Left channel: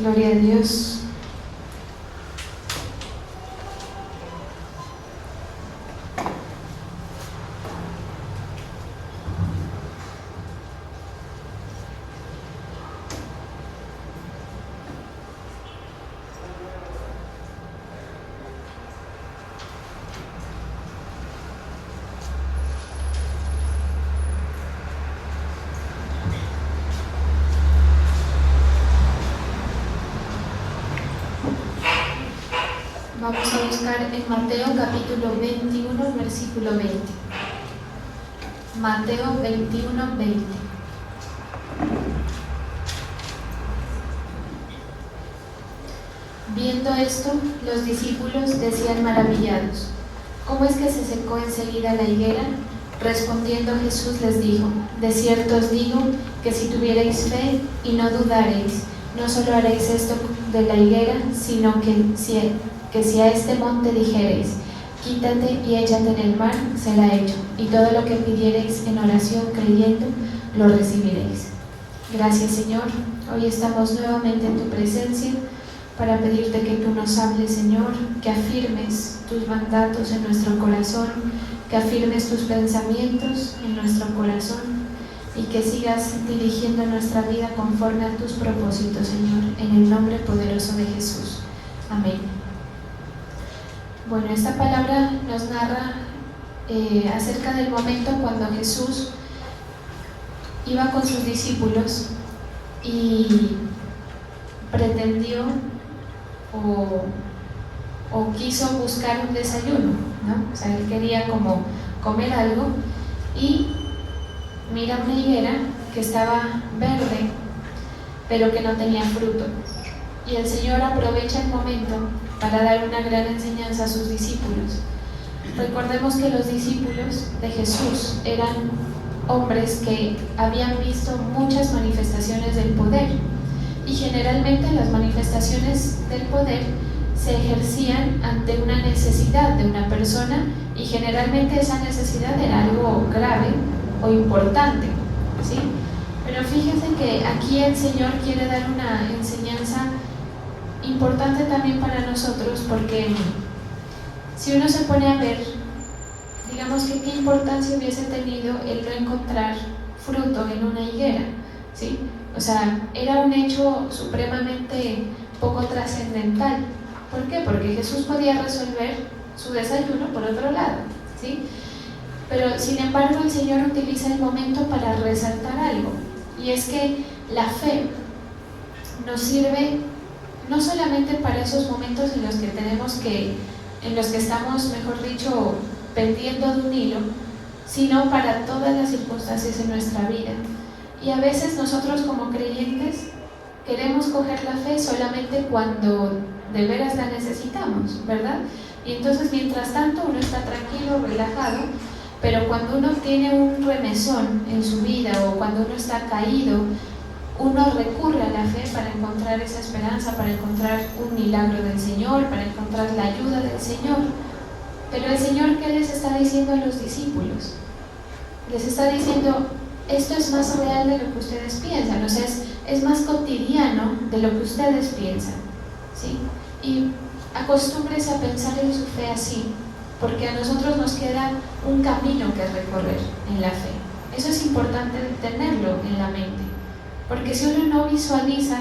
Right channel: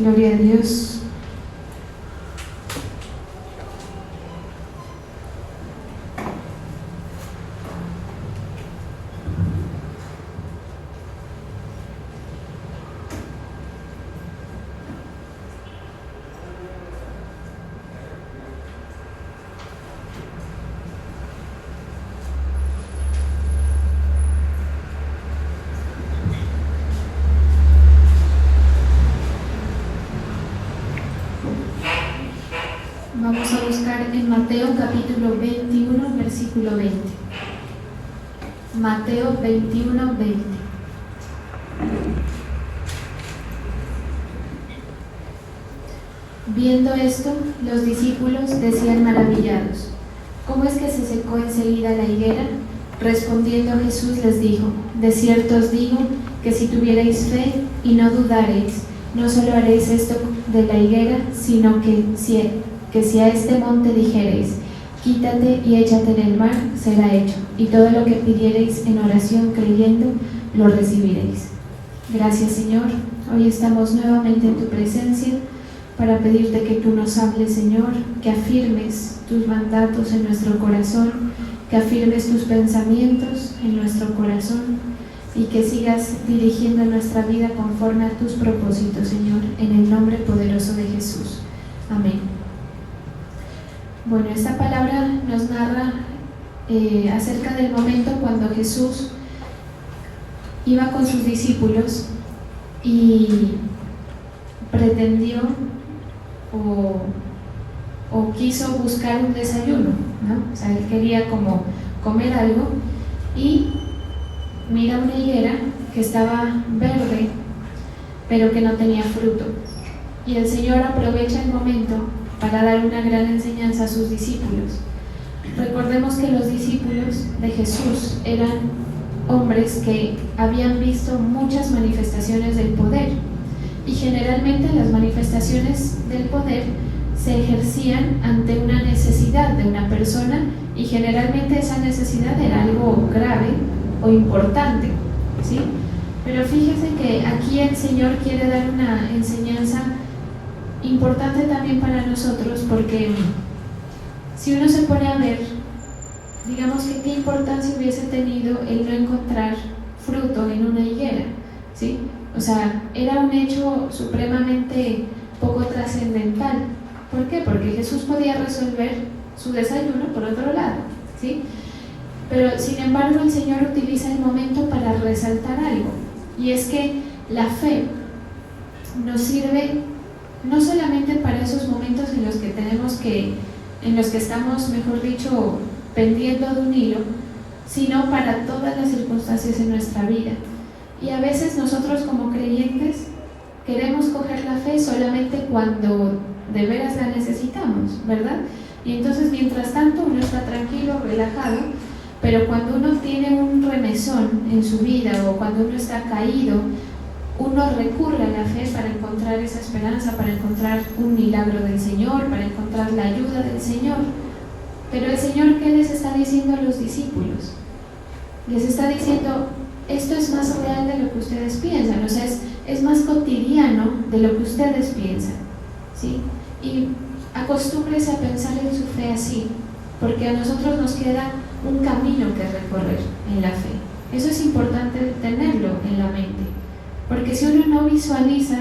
Gloria a Dios. Vamos a buscar en Mateo capítulo 21, versículo 20. Mateo 21, 20. Viendo esto, los discípulos decían maravillados: ¿cómo es que se secó enseguida la higuera? Respondiendo Jesús les dijo: de cierto os digo que si tuvierais fe y no dudareis, no solo haréis esto de la higuera, sino que si a este monte dijereis: quítate y échate en el mar, será hecho, y todo lo que pidiereis en oración creyendo, lo recibiréis. Gracias, Señor. Hoy estamos nuevamente en tu presencia para pedirte que tú nos hables, Señor, que afirmes tus mandatos en nuestro corazón, que afirmes tus pensamientos en nuestro corazón y que sigas dirigiendo nuestra vida conforme a tus propósitos, Señor, en el nombre poderoso de Jesús. Amén. Bueno, esta palabra nos narra acerca del momento cuando Jesús iba con sus discípulos y pretendió o quiso buscar un desayuno, ¿no? O sea, él quería como comer algo y mira una higuera que estaba verde, pero que no tenía fruto. Y el Señor aprovecha el momento para dar una gran enseñanza a sus discípulos. Recordemos que los discípulos de Jesús eran hombres que habían visto muchas manifestaciones del poder, y generalmente las manifestaciones del poder se ejercían ante una necesidad de una persona, y generalmente esa necesidad era algo grave o importante, ¿sí? Pero fíjense que aquí el Señor quiere dar una enseñanza importante también para nosotros, porque si uno se pone a ver, digamos que qué importancia hubiese tenido el no encontrar fruto en una higuera, ¿sí? O sea, era un hecho supremamente poco trascendental. ¿Por qué? Porque Jesús podía resolver su desayuno por otro lado, ¿sí? Pero sin embargo el Señor utiliza el momento para resaltar algo, y es que la fe nos sirve no solamente para esos momentos en los que estamos, mejor dicho, pendiendo de un hilo, sino para todas las circunstancias en nuestra vida. Y a veces nosotros como creyentes queremos coger la fe solamente cuando de veras la necesitamos, ¿verdad? Y entonces mientras tanto uno está tranquilo, relajado, pero cuando uno tiene un remesón en su vida o cuando uno está caído, uno recurre a la fe para encontrar esa esperanza, para encontrar un milagro del Señor, para encontrar la ayuda del Señor. Pero el Señor, ¿qué les está diciendo a los discípulos? Les está diciendo: esto es más real de lo que ustedes piensan, o sea, es más cotidiano de lo que ustedes piensan, ¿sí? Y acostúmbrense a pensar en su fe así, porque a nosotros nos queda un camino que recorrer en la fe. Eso es importante tenerlo en la mente, porque si uno no visualiza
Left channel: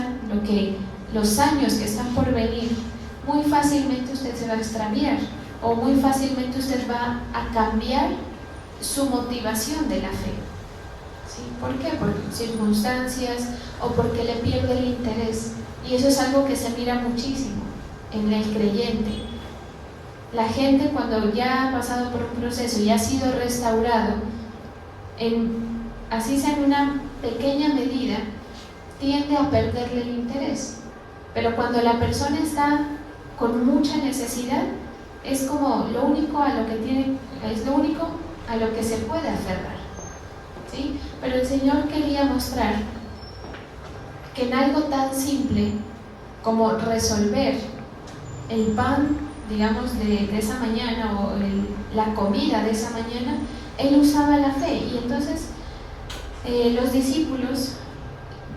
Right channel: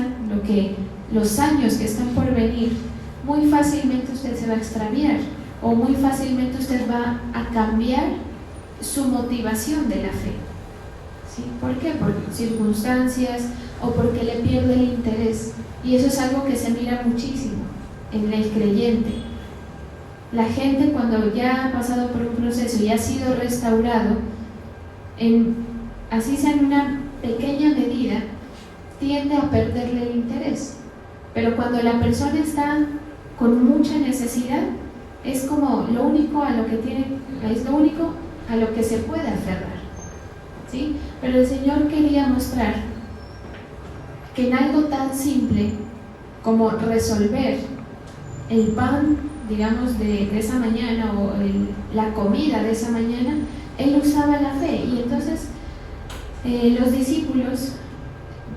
los años que están por venir, muy fácilmente usted se va a extraviar, o muy fácilmente usted va a cambiar su motivación de la fe, ¿sí? ¿Por qué? Por circunstancias o porque le pierde el interés, y eso es algo que se mira muchísimo en el creyente. La gente, cuando ya ha pasado por un proceso y ha sido restaurado, así sea en una pequeña medida, tiende a perderle el interés. Pero cuando la persona está con mucha necesidad, es como lo único a lo que se puede aferrar, ¿sí? Pero el Señor quería mostrar que en algo tan simple como resolver el pan, digamos, de esa mañana, o la comida de esa mañana, Él usaba la fe. Y entonces los discípulos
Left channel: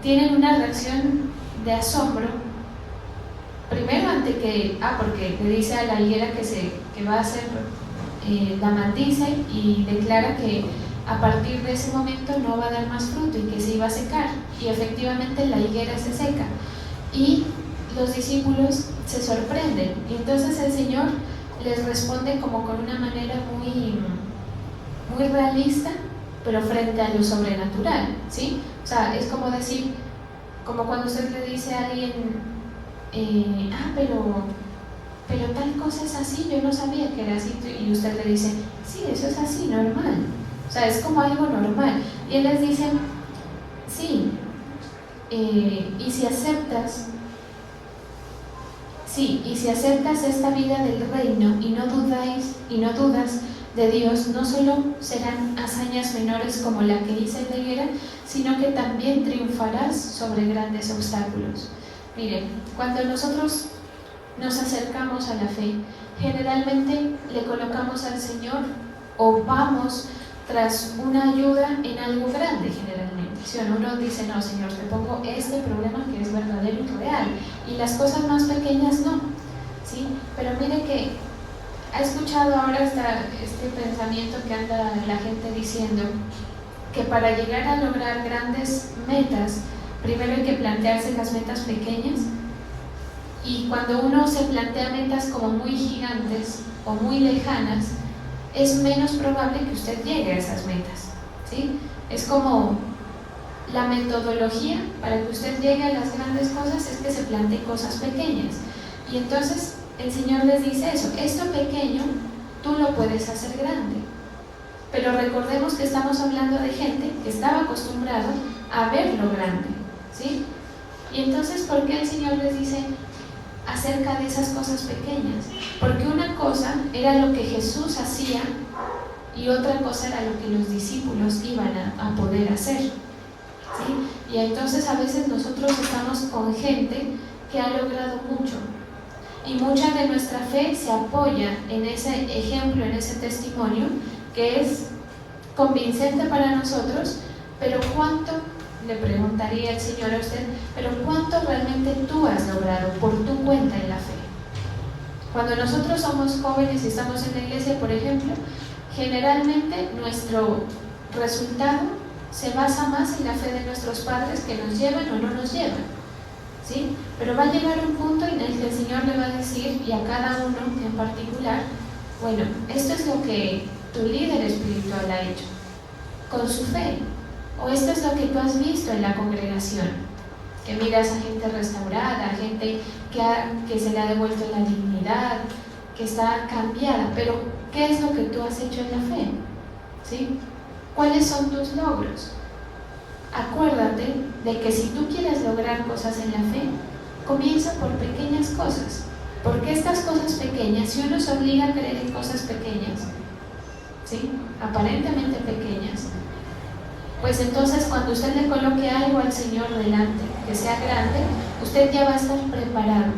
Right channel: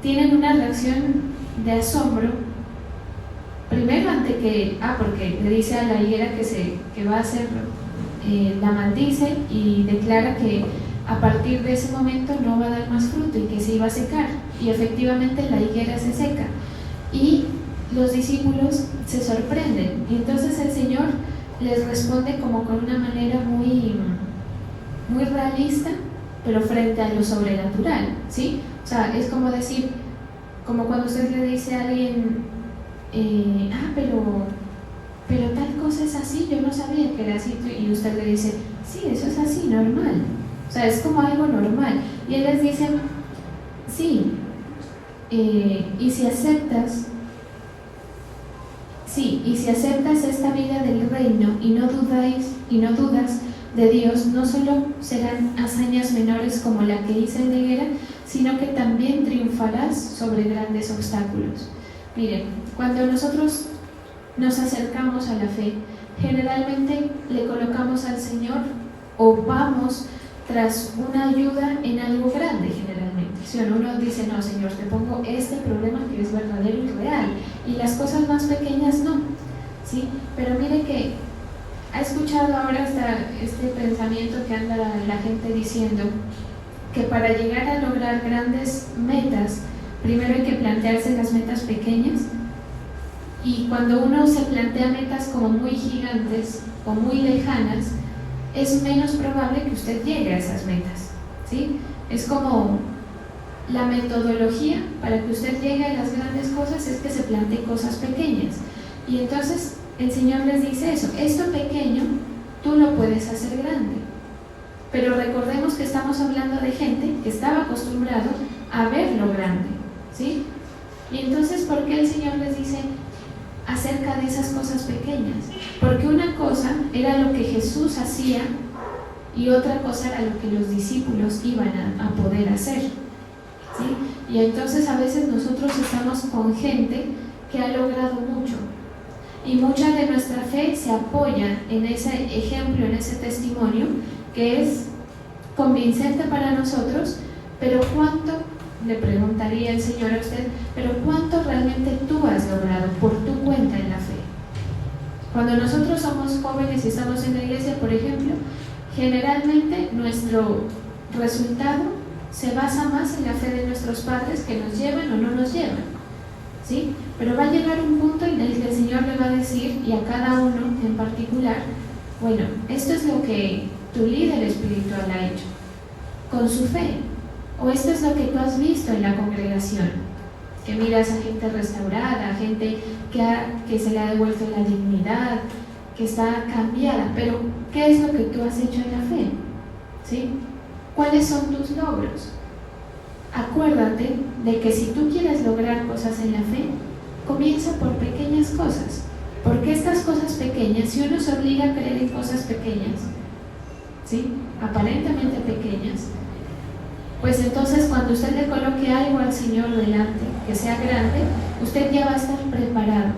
tienen una reacción de asombro primero porque le dice a la higuera que va a hacer, la maldice y declara que a partir de ese momento no va a dar más fruto y que se iba a secar, y efectivamente la higuera se seca y los discípulos se sorprenden, y entonces el Señor les responde como con una manera muy, muy realista, pero frente a lo sobrenatural, ¿sí? O sea, es como decir, como cuando usted le dice a alguien, pero tal cosa es así, yo no sabía que era así, y usted le dice, sí, eso es así, normal. O sea, es como algo normal. Y él les dice, sí, y si aceptas esta vida del reino y no dudas de Dios, no solo serán hazañas menores como la que hice en la higuera, sino que también triunfarás sobre grandes obstáculos. Miren, cuando nosotros nos acercamos a la fe, generalmente le colocamos al Señor o vamos tras una ayuda en algo grande, generalmente. Si uno dice, no, Señor, te pongo este problema que es verdadero y real, y las cosas más pequeñas no, ¿sí? Pero mire que ha escuchado ahora este pensamiento que anda la gente diciendo que para llegar a lograr grandes metas, primero hay que plantearse las metas pequeñas, y cuando uno se plantea metas como muy gigantes o muy lejanas, es menos probable que usted llegue a esas metas, ¿sí? Es como la metodología para que usted llegue a las grandes cosas es que se plantee cosas pequeñas, y entonces el Señor les dice eso, esto pequeño tú lo puedes hacer grande. Pero recordemos que estamos hablando de gente que estaba acostumbrado a ver lo grande, ¿sí? Y entonces, ¿por qué el Señor les dice acerca de esas cosas pequeñas? Porque una cosa era lo que Jesús hacía y otra cosa era lo que los discípulos iban a poder hacer, ¿sí? Y entonces a veces nosotros estamos con gente que ha logrado mucho, y mucha de nuestra fe se apoya en ese ejemplo, en ese testimonio que es convincente para nosotros, pero ¿cuánto, le preguntaría el Señor a usted, pero cuánto realmente tú has logrado por tu cuenta en la fe? Cuando nosotros somos jóvenes y estamos en la iglesia, por ejemplo, generalmente nuestro resultado se basa más en la fe de nuestros padres, que nos lleven o no nos llevan, ¿sí? Pero va a llegar un punto en el que el Señor le va a decir, y a cada uno en particular, bueno, esto es lo que tu líder espiritual ha hecho con su fe, o esto es lo que tú has visto en la congregación, que miras a gente restaurada, a gente que se le ha devuelto la dignidad, que está cambiada, pero ¿qué es lo que tú has hecho en la fe? ¿Sí? ¿Cuáles son tus logros? Acuérdate de que si tú quieres lograr cosas en la fe, comienza por pequeñas cosas, porque estas cosas pequeñas, si uno se obliga a creer en cosas pequeñas, ¿sí? Aparentemente pequeñas, pues entonces cuando usted le coloque algo al Señor delante, que sea grande, usted ya va a estar preparado.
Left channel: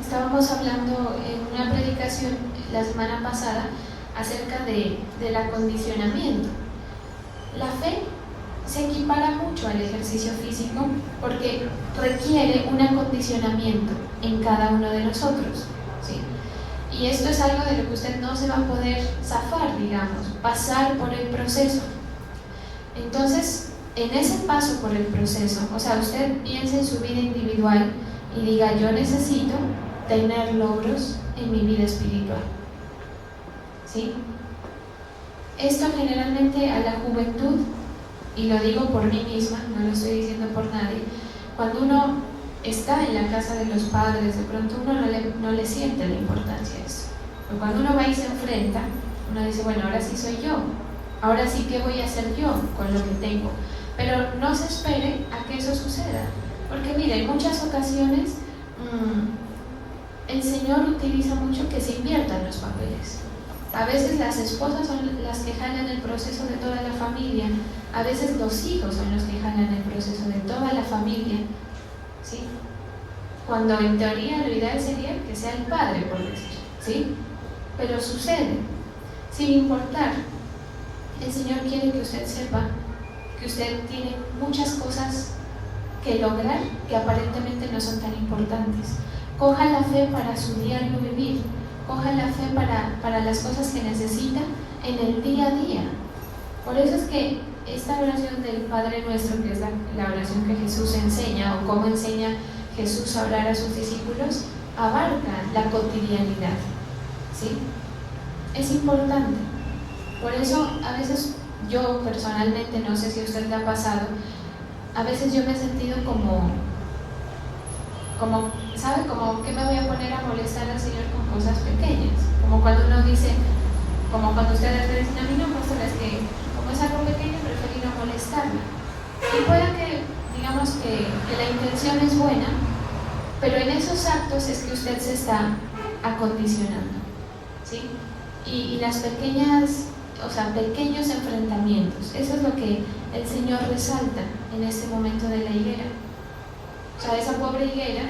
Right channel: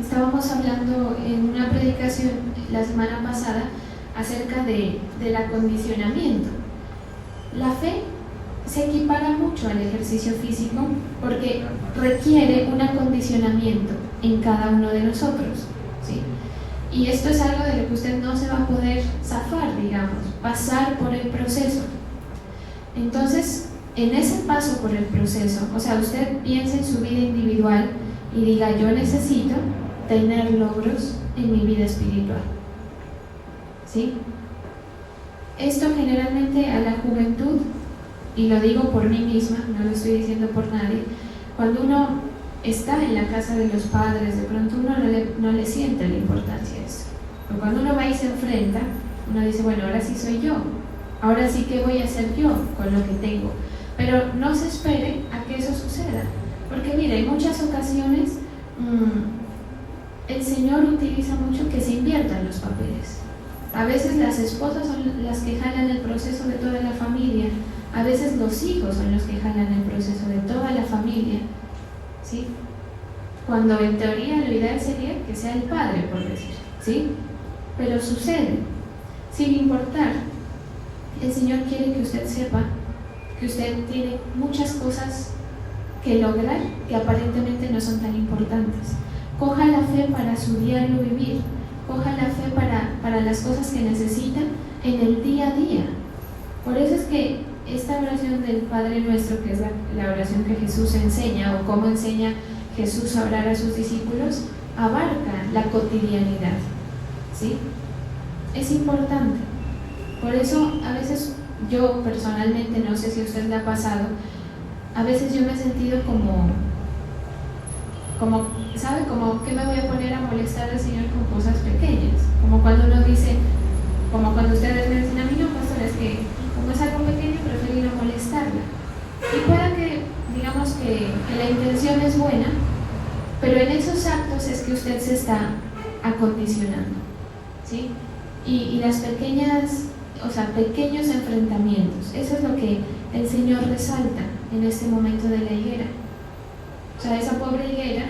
Estábamos hablando en una predicación la semana pasada acerca del acondicionamiento. La fe se equipara mucho al ejercicio físico porque requiere un acondicionamiento en cada uno de nosotros, ¿sí? Y esto es algo de lo que usted no se va a poder zafar, digamos, pasar por el proceso. Entonces, en ese paso por el proceso, o sea, usted piensa en su vida individual y diga, yo necesito tener logros en mi vida espiritual, ¿sí? Esto generalmente a la juventud, y lo digo por mí misma, no lo estoy diciendo por nadie, cuando uno está en la casa de los padres, de pronto uno no le siente la importancia de eso. Pero cuando uno va y se enfrenta, uno dice, bueno, ahora sí soy yo, ahora sí que voy a hacer yo con lo que tengo. Pero no se espere a que eso suceda, porque mire, en muchas ocasiones el Señor utiliza mucho que se inviertan los papeles. A veces las esposas son las que jalan el proceso de toda la familia, a veces los hijos son los que jalan el proceso de toda la familia, ¿sí? Cuando en teoría lo ideal sería que sea el padre, por decir, ¿sí? Pero sucede, sin importar. El Señor quiere que usted sepa que usted tiene muchas cosas que lograr que aparentemente no son tan importantes, Coja la fe para su diario vivir, coja la fe para las cosas que necesita en el día a día. Por eso es que esta oración del Padre Nuestro, que es la oración que Jesús enseña, o cómo enseña Jesús a orar a sus discípulos, abarca la cotidianidad, ¿sí? Es importante. Por eso a veces yo personalmente, no sé si a usted le ha pasado, a veces yo me he sentido como ¿sabe? Como que me voy a poner a molestar al Señor con cosas pequeñas, como cuando uno dice, como cuando ustedes le dicen a mí, no, pues es que como es algo pequeño, prefiero no molestarla. Y puede que, digamos que la intención es buena, pero en esos actos es que usted se está acondicionando, ¿sí? Y las pequeñas, o sea, pequeños enfrentamientos, eso es lo que el Señor resalta en este momento de la higuera. O sea, esa pobre higuera,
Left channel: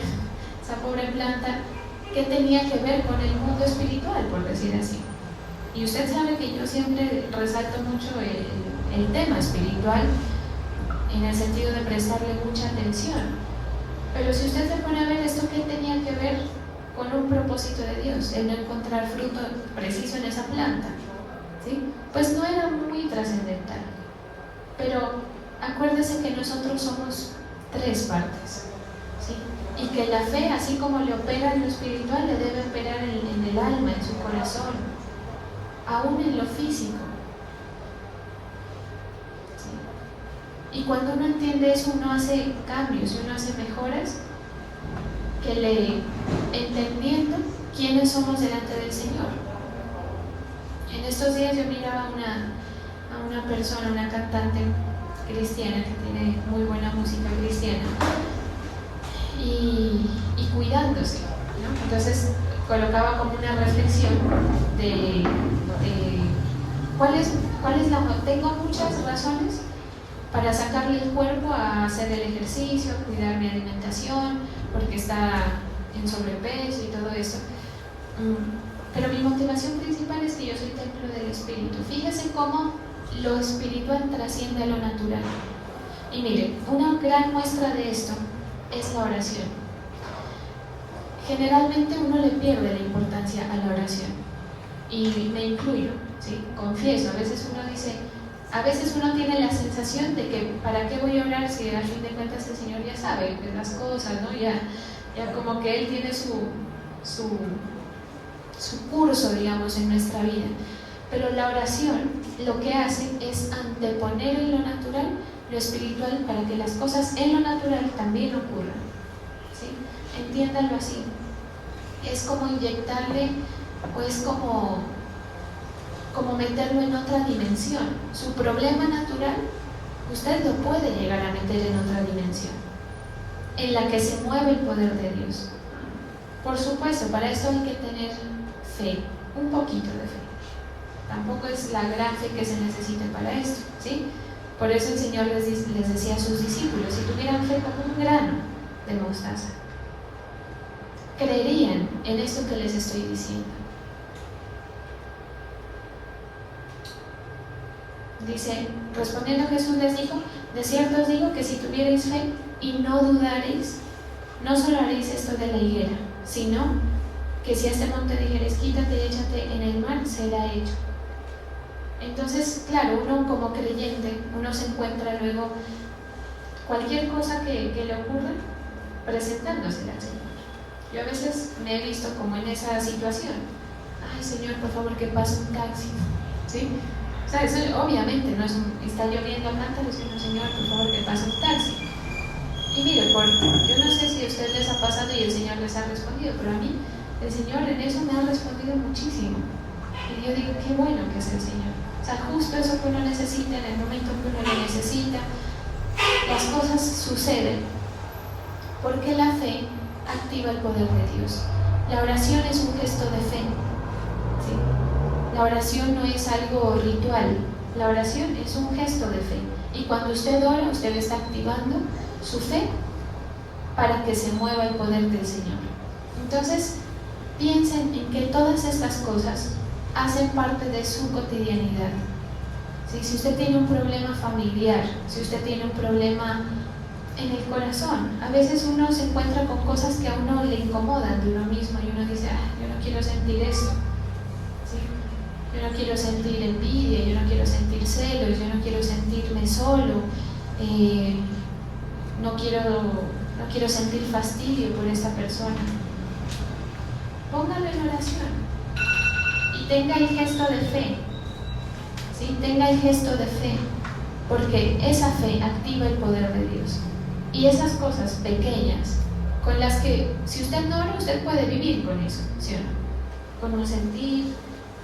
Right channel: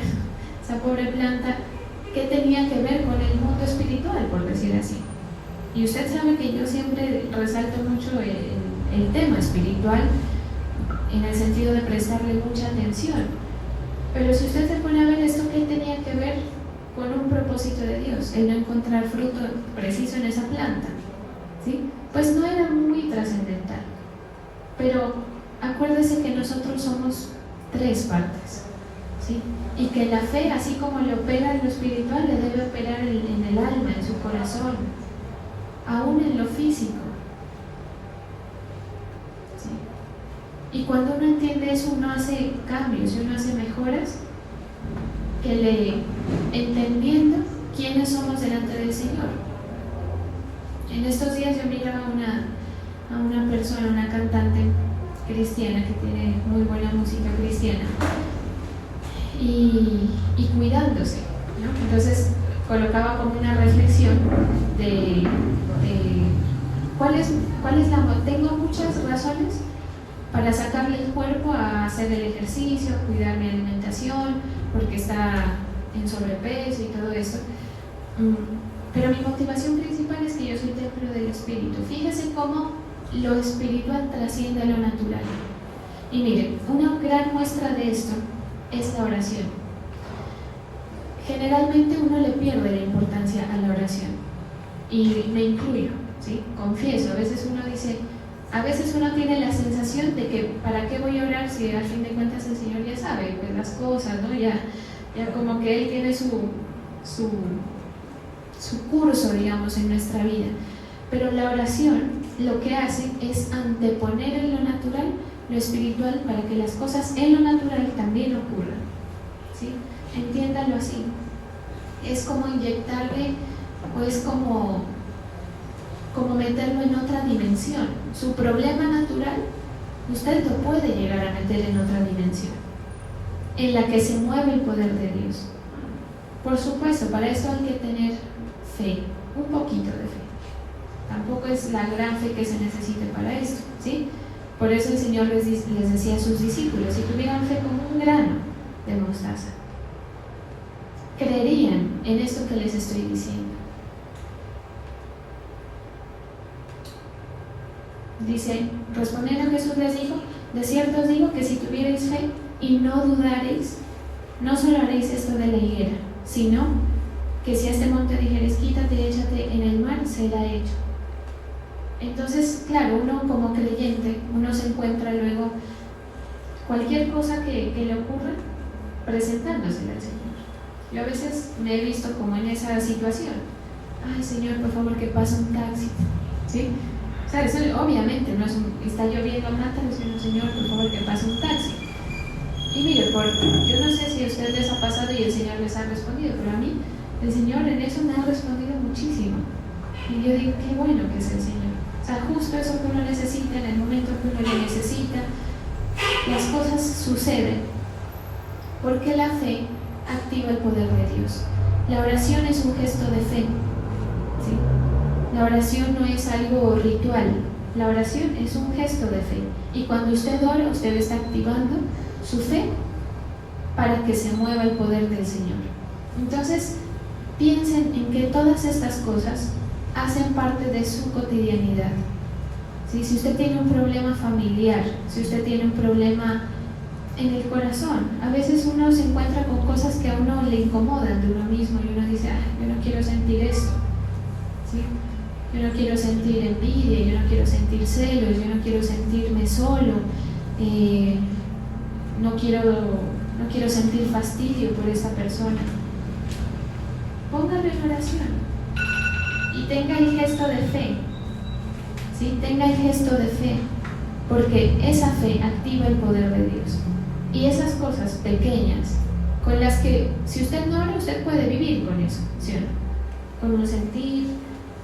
esa pobre planta, ¿qué tenía que ver con el mundo espiritual, por decir así? Y usted sabe que yo siempre resalto mucho el tema espiritual en el sentido de prestarle mucha atención. Pero si usted se pone a ver esto, ¿qué tenía que ver con un propósito de Dios? El no encontrar fruto preciso en esa planta, ¿sí? Pues no era muy trascendental. Pero acuérdese que nosotros somos tres partes, ¿sí? Y que la fe, así como le opera en lo espiritual, le debe operar en el alma, en su corazón, aún en lo físico, ¿sí? Y cuando uno entiende eso, uno hace cambios, uno hace mejoras, entendiendo quiénes somos delante del Señor. En estos días yo miraba a una persona, una cantante cristiana que tiene muy buena música cristiana, y cuidándose, ¿no? Entonces colocaba como una reflexión de cuál es tengo muchas razones para sacarle el cuerpo a hacer el ejercicio, a cuidar mi alimentación, porque está en sobrepeso y todo eso. Pero mi motivación principal es que yo soy templo del Espíritu. Fíjese cómo lo espiritual trasciende a lo natural. Y mire, una gran muestra de esto es la oración. Generalmente uno le pierde la importancia a la oración, y me incluyo, ¿sí? Confieso, a veces uno tiene la sensación de que ¿para qué voy a orar si al fin de cuentas el Señor ya sabe las cosas, ¿no? Ya como que Él tiene su curso, digamos, en nuestra vida. Pero la oración lo que hace es anteponer en lo natural lo espiritual para que las cosas en lo natural también ocurran, ¿sí? Entiéndalo así. Es como inyectarle, o es como meterlo en otra dimensión. Su problema natural, usted lo puede llegar a meter en otra dimensión, en la que se mueve el poder de Dios. Por supuesto, para esto hay que tener fe, un poquito de fe. Tampoco es la gran fe que se necesita para esto, ¿sí? Por eso el Señor les decía a sus discípulos, si tuvieran fe como un grano de mostaza, creerían en esto que les estoy diciendo. Dice, respondiendo Jesús les dijo, de cierto os digo que si tuvierais fe y no dudaréis, no solo haréis esto de la higuera, sino que si a este monte dijeres, quítate y échate en el mar, será hecho. Entonces, claro, uno como creyente, uno se encuentra luego cualquier cosa que le ocurra presentándose al Señor. Yo a veces me he visto como en esa situación. Ay, Señor, por favor, que pase un taxi, ¿sí? O sea, eso obviamente no es está lloviendo al rato, decimos, Señor, por favor, que pase un taxi. Y mire, yo no sé si a ustedes les ha pasado y el Señor les ha respondido, pero a mí, el Señor en eso me ha respondido muchísimo. Y yo digo, qué bueno que es el Señor. O sea, justo eso que uno necesita, en el momento que uno lo necesita, las cosas suceden. Porque la fe activa el poder de Dios. La oración es un gesto de fe, ¿sí? La oración no es algo ritual, la oración es un gesto de fe. Y cuando usted ora, usted está activando su fe para que se mueva el poder del Señor. Entonces, piensen en que todas estas cosas hacen parte de su cotidianidad, ¿sí? Si usted tiene un problema familiar, si usted tiene un problema en el corazón. A veces uno se encuentra con cosas que a uno le incomodan de uno mismo y uno dice, yo no quiero sentir esto, ¿sí? Yo no quiero sentir envidia, yo no quiero sentir celos, yo no quiero sentirme solo, no quiero sentir fastidio por esta persona. Póngalo en oración y tenga el gesto de fe, ¿sí? Tenga el gesto de fe, porque esa fe activa el poder de Dios. Y esas cosas pequeñas, con las que si usted no habla, usted puede vivir con eso, ¿sí? Con un sentir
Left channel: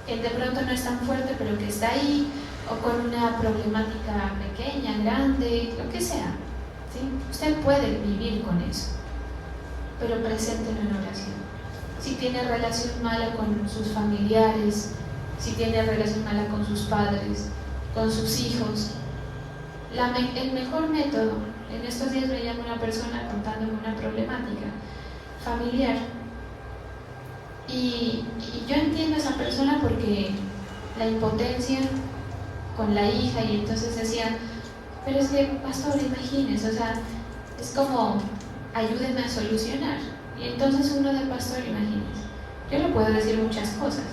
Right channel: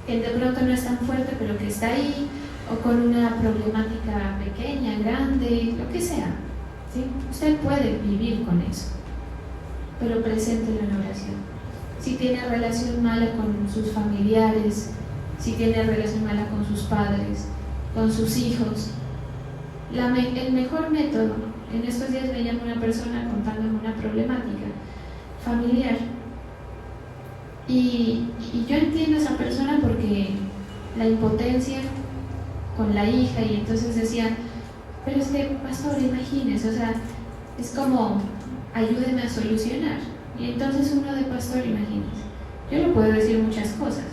que de pronto no es tan fuerte, pero que está ahí, o con una problemática pequeña, grande, lo que sea, ¿sí? Usted puede vivir con eso, pero preséntelo en oración. Si tiene relación mala con sus familiares, si tiene relación mala con sus padres, con sus hijos, el mejor método, en estos días me llama una persona contándome una problemática familiar, y yo entiendo a esa persona porque la impotencia con la hija, y entonces decía, pero es que, pastor, imagínese, o sea, es como, ayúdenme a solucionar. Y entonces uno de pastor, imagínese, yo le puedo decir muchas cosas,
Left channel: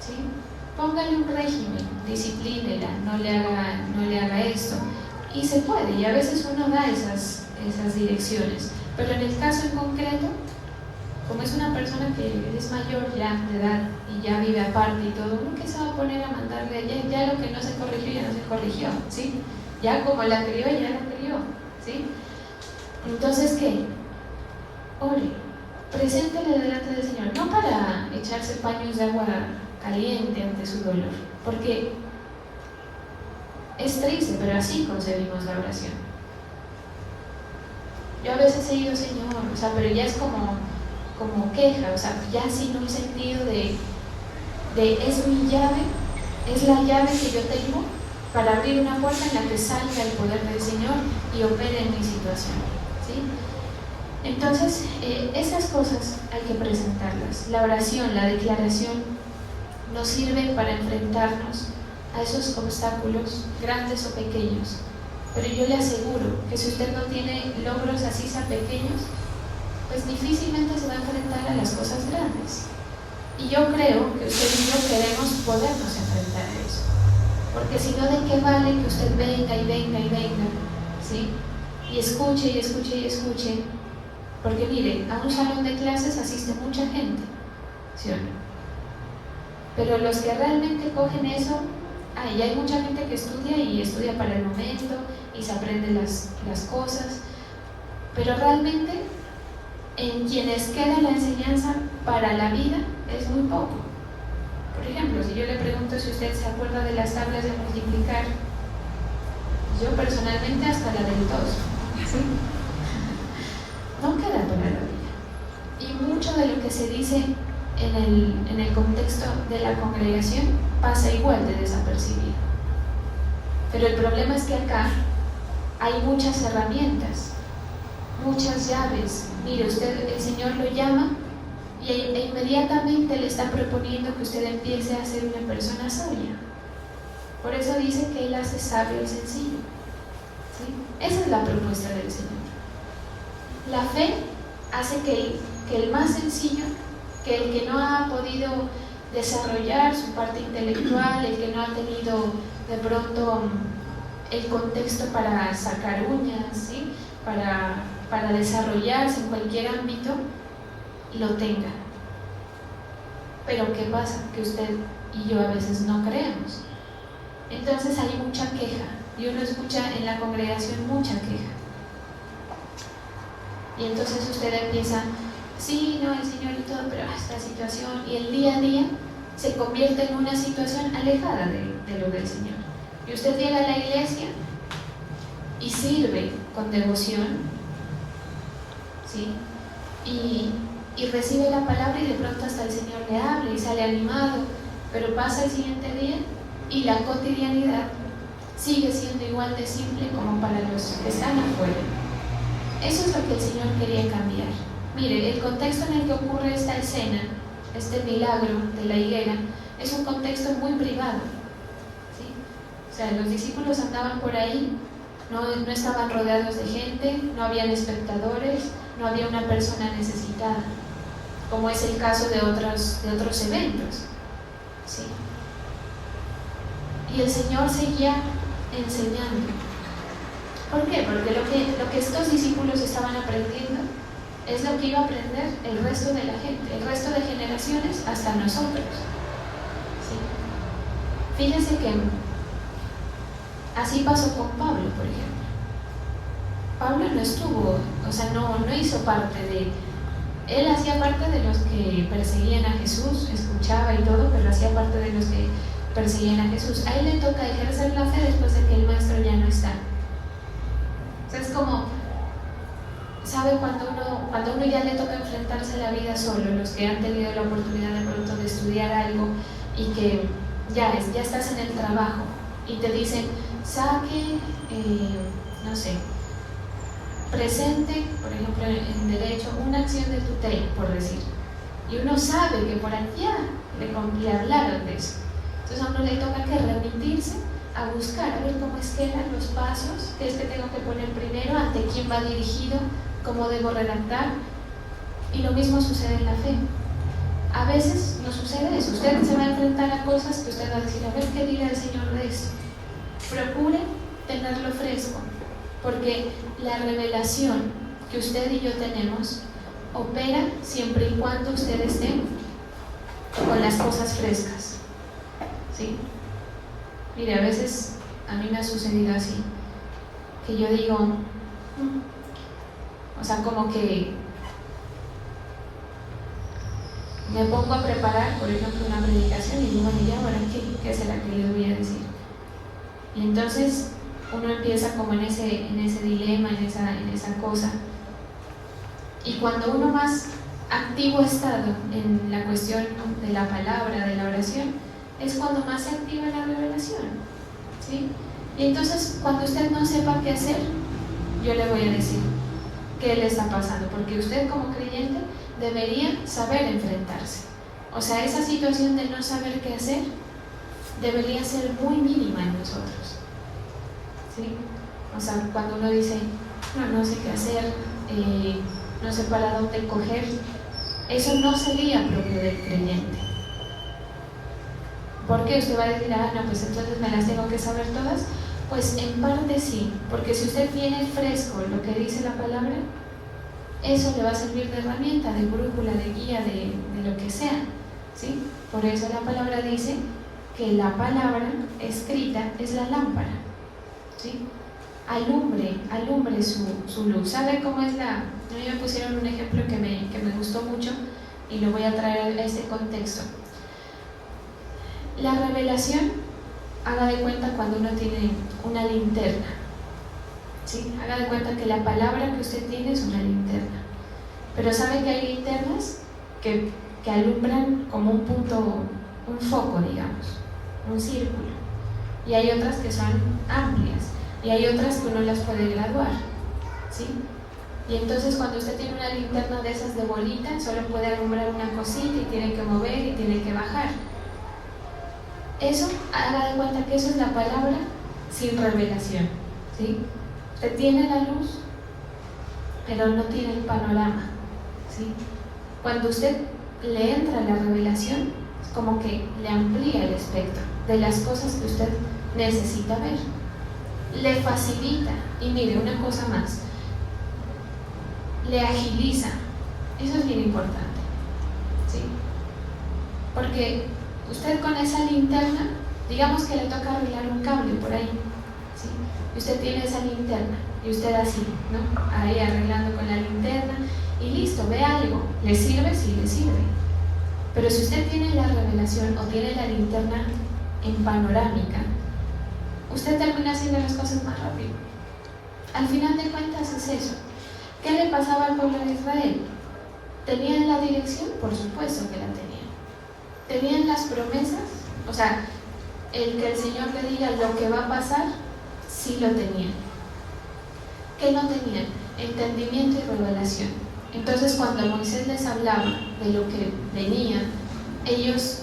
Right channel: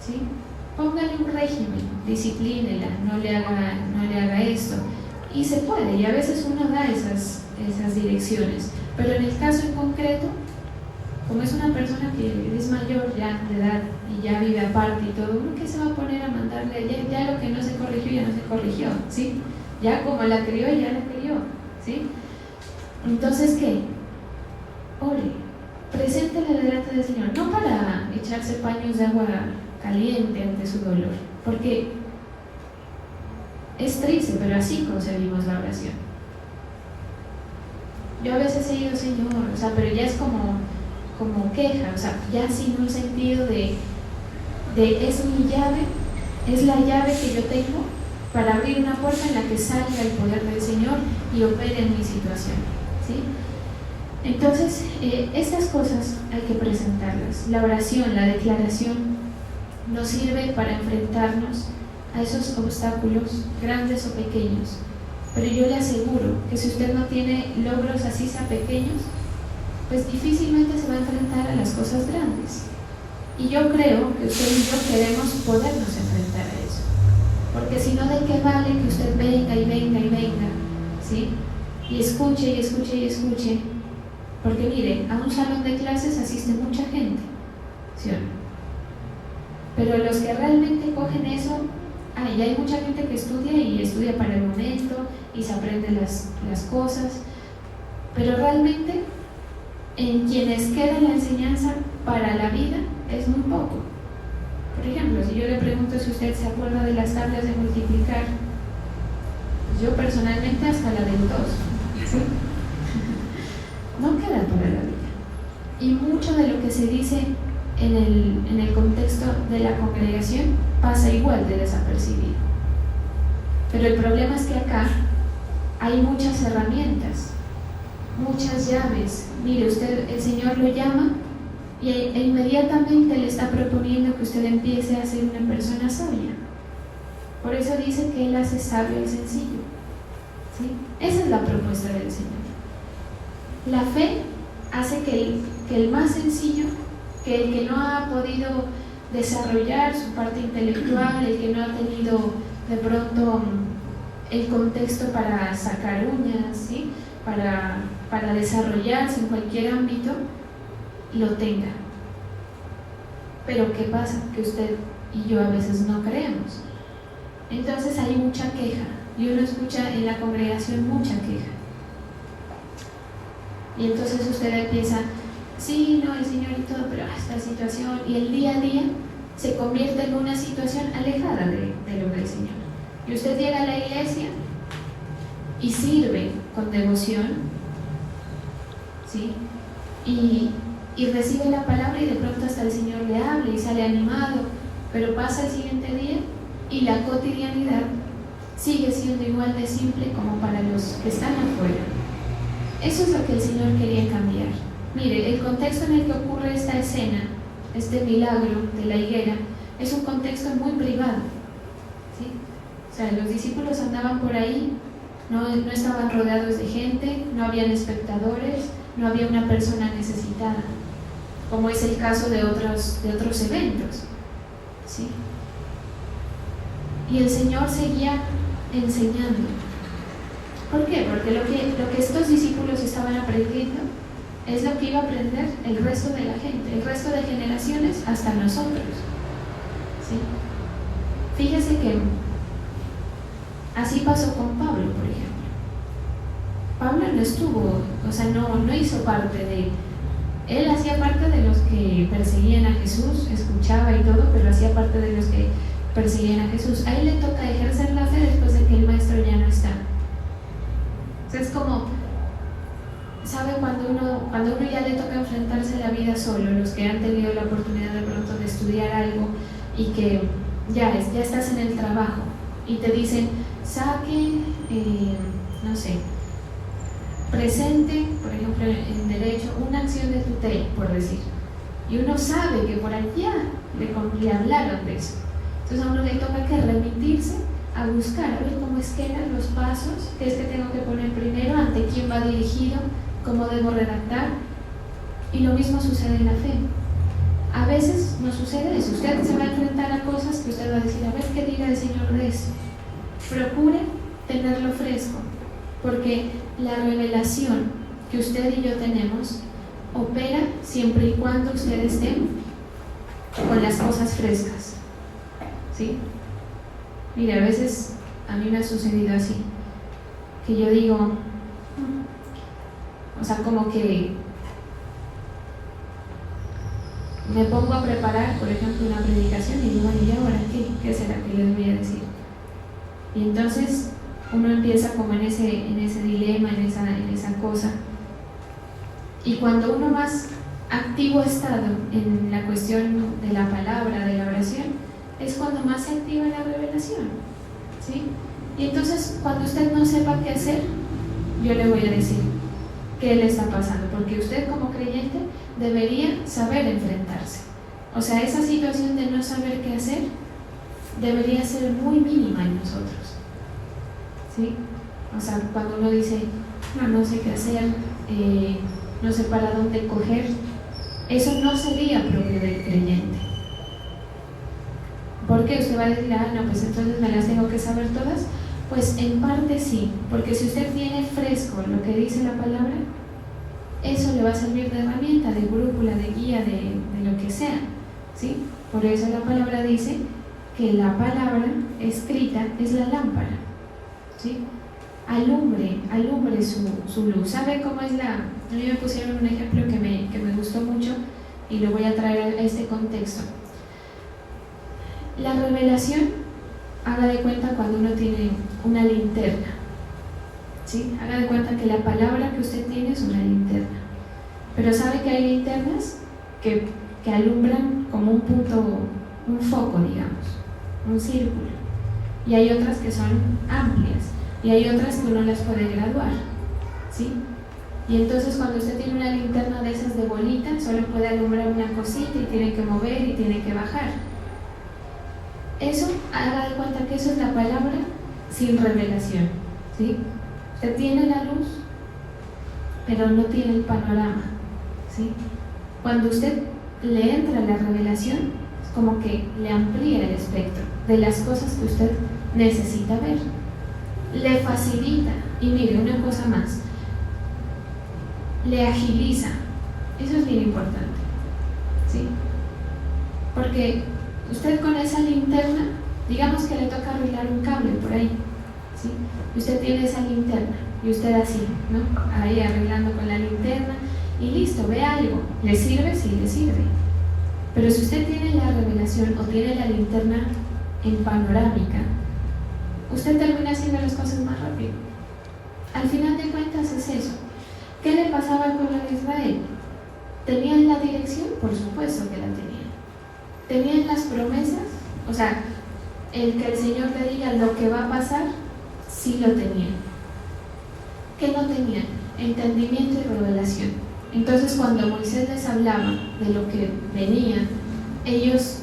¿sí? Póngale un régimen, disciplínela, no le haga esto, y se puede, y a veces uno da esas direcciones, pero en el caso en concreto, como es una persona que es mayor ya de edad y ya vive aparte y todo, ¿uno qué se va a poner a mandarle? Ya lo que no se corrigió, ya no se corrigió, ¿sí? Ya como la crió, ya la crió, ¿sí? Entonces, ¿qué? Ore, preséntele delante del Señor, no para echarse paños de agua caliente ante su dolor, porque es triste, pero así concebimos la oración. Yo a veces he dicho, Señor, o sea, pero ya es como queja, o sea, ya sin un sentido de es mi llave, es la llave que yo tengo para abrir una puerta en la que salga el poder del Señor y opere en mi situación, ¿sí? Entonces, estas cosas hay que presentarlas. La oración, la declaración nos sirve para enfrentarnos a esos obstáculos, grandes o pequeños, pero yo le aseguro que si usted no tiene logros así sea pequeños, pues difícilmente se va a enfrentar a las cosas grandes. Y yo creo que usted y yo queremos podernos enfrentar a eso, porque si no, ¿de qué vale que usted venga y venga y venga, ¿sí? Y escuche y escuche y escuche? Porque mire, a un salón de clases asiste mucha gente, ¿sí o no? Pero los que realmente cogen eso, ya hay mucha gente que estudia para el momento y se aprende las cosas, pero realmente en quienes queda la enseñanza para la vida es muy poco. Por ejemplo, si yo le pregunto si usted se acuerda de las tablas de multiplicar, yo personalmente hasta la del 2, ¿sí? No queda para la vida. Y mucho de lo que se dice en el contexto de la congregación pasa igual de desapercibido. Pero el problema es que acá hay muchas herramientas, muchas llaves. Mire, usted, el Señor lo llama e inmediatamente le está proponiendo que usted empiece a ser una persona sabia. Por eso dice que Él hace sabio y sencillo, ¿sí? Esa es la propuesta del Señor. La fe hace que el más sencillo, que el que no ha podido desarrollar su parte intelectual, el que no ha tenido de pronto el contexto para sacar uñas, ¿sí? para desarrollarse en cualquier ámbito, lo tenga. Pero ¿qué pasa? Que usted y yo a veces no creemos. Entonces hay mucha queja, y uno escucha en la congregación mucha queja. Y entonces usted empieza, sí, no, el Señor y todo, pero esta situación, y el día a día se convierte en una situación alejada de lo del Señor. Y usted llega a la iglesia y sirve con devoción, ¿sí? Y recibe la palabra, y de pronto hasta el Señor le habla y sale animado, pero pasa el siguiente día y la cotidianidad sigue siendo igual de simple como para los que están afuera. Eso es lo que el Señor quería cambiar. Mire, el contexto en el que ocurre esta escena, este milagro de la higuera, es un contexto muy privado, ¿sí? O sea, los discípulos andaban por ahí no estaban rodeados de gente, no habían espectadores, no había una persona necesitada, como es el caso de otros eventos, ¿sí? Y el Señor seguía enseñando. ¿Por qué? Porque lo que estos discípulos estaban aprendiendo es lo que iba a aprender el resto de la gente, el resto de generaciones, hasta nosotros, ¿sí? Fíjense que así pasó con Pablo, por ejemplo. Pablo no estuvo, o sea, no hizo parte de... Él hacía parte de los que perseguían a Jesús, escuchaba y todo, pero hacía parte de los que persiguen a Jesús. A él le toca ejercer la fe después de que el maestro ya no está. O sea, es como, ¿sabe? Cuando uno ya le toca enfrentarse a la vida solo, los que han tenido la oportunidad de pronto de estudiar algo y que ya estás en el trabajo y te dicen, saque, no sé, presente, por ejemplo, en derecho, una acción de tutela, por decir. Y uno sabe que por allá le hablaron de eso. Entonces a uno le toca que remitirse a buscar, a ver cómo es que eran los pasos, qué es que tengo que poner primero, ante quién va dirigido, cómo debo redactar. Y lo mismo sucede en la fe. A veces no sucede eso. Usted se va a enfrentar a cosas que usted va a decir, a ver qué diga el Señor de esto. Procure tenerlo fresco, porque la revelación que usted y yo tenemos opera siempre y cuando usted esté con las cosas frescas, ¿sí? Mire, a veces a mí me ha sucedido así, que yo digo, o sea, como que me pongo a preparar, por ejemplo, una predicación y digo, ya, bueno, ¿qué será que le voy a decir? Y entonces uno empieza como en ese dilema, en esa cosa. Y cuando uno más activo ha estado en la cuestión de la palabra, de la oración, es cuando más se activa la revelación, ¿sí? Y entonces, cuando usted no sepa qué hacer, yo le voy a decir qué le está pasando, porque usted como creyente debería saber enfrentarse. O sea, esa situación de no saber qué hacer debería ser muy mínima en nosotros, ¿sí? O sea, cuando uno dice, no sé qué hacer, no sé para dónde coger, eso no sería propio del creyente. ¿Por qué? Usted va a decir, no, pues entonces me las tengo que saber todas. Pues en parte sí, porque si usted tiene fresco lo que dice la palabra, eso le va a servir de herramienta, de brújula, de guía, de lo que sea, ¿sí? Por eso la palabra dice que la palabra escrita es la lámpara, ¿sí? Alumbre su luz. ¿Sabe cómo es a mí me pusieron un ejemplo que me gustó mucho y lo voy a traer a este contexto. La revelación, haga de cuenta cuando uno tiene una linterna, ¿sí? Haga de cuenta que la palabra que usted tiene es una linterna, pero sabe que hay linternas que alumbran como un punto, un foco, digamos, un círculo, y hay otras que son amplias, y hay otras que uno las puede graduar, ¿sí? Y entonces cuando usted tiene una linterna de esas de bolita, solo puede alumbrar una cosita y tiene que mover y tiene que bajar. Eso, haga de cuenta que eso es la palabra sin revelación, ¿sí? Usted tiene la luz, pero no tiene el panorama, ¿sí? Cuando usted le entra la revelación, es como que le amplía el espectro de las cosas que usted necesita ver, le facilita, y mire, una cosa más, le agiliza. Eso es bien importante, ¿sí? Porque usted con esa linterna, digamos que le toca arreglar un cable por ahí, ¿sí? Y usted tiene esa linterna y usted así, ¿no? Ahí arreglando con la linterna y listo, ve algo. ¿Le sirve? Sí, le sirve. Pero si usted tiene la revelación o tiene la linterna en panorámica, usted termina haciendo las cosas más rápido. Al final de cuentas es eso. ¿Qué le pasaba al pueblo de Israel? ¿Tenían la dirección? Por supuesto que la tenían. ¿Tenían las promesas? O sea, el que el Señor le diga lo que va a pasar, sí lo tenían. ¿Qué no tenían? Entendimiento y revelación. Entonces, cuando Moisés les hablaba de lo que venía, ellos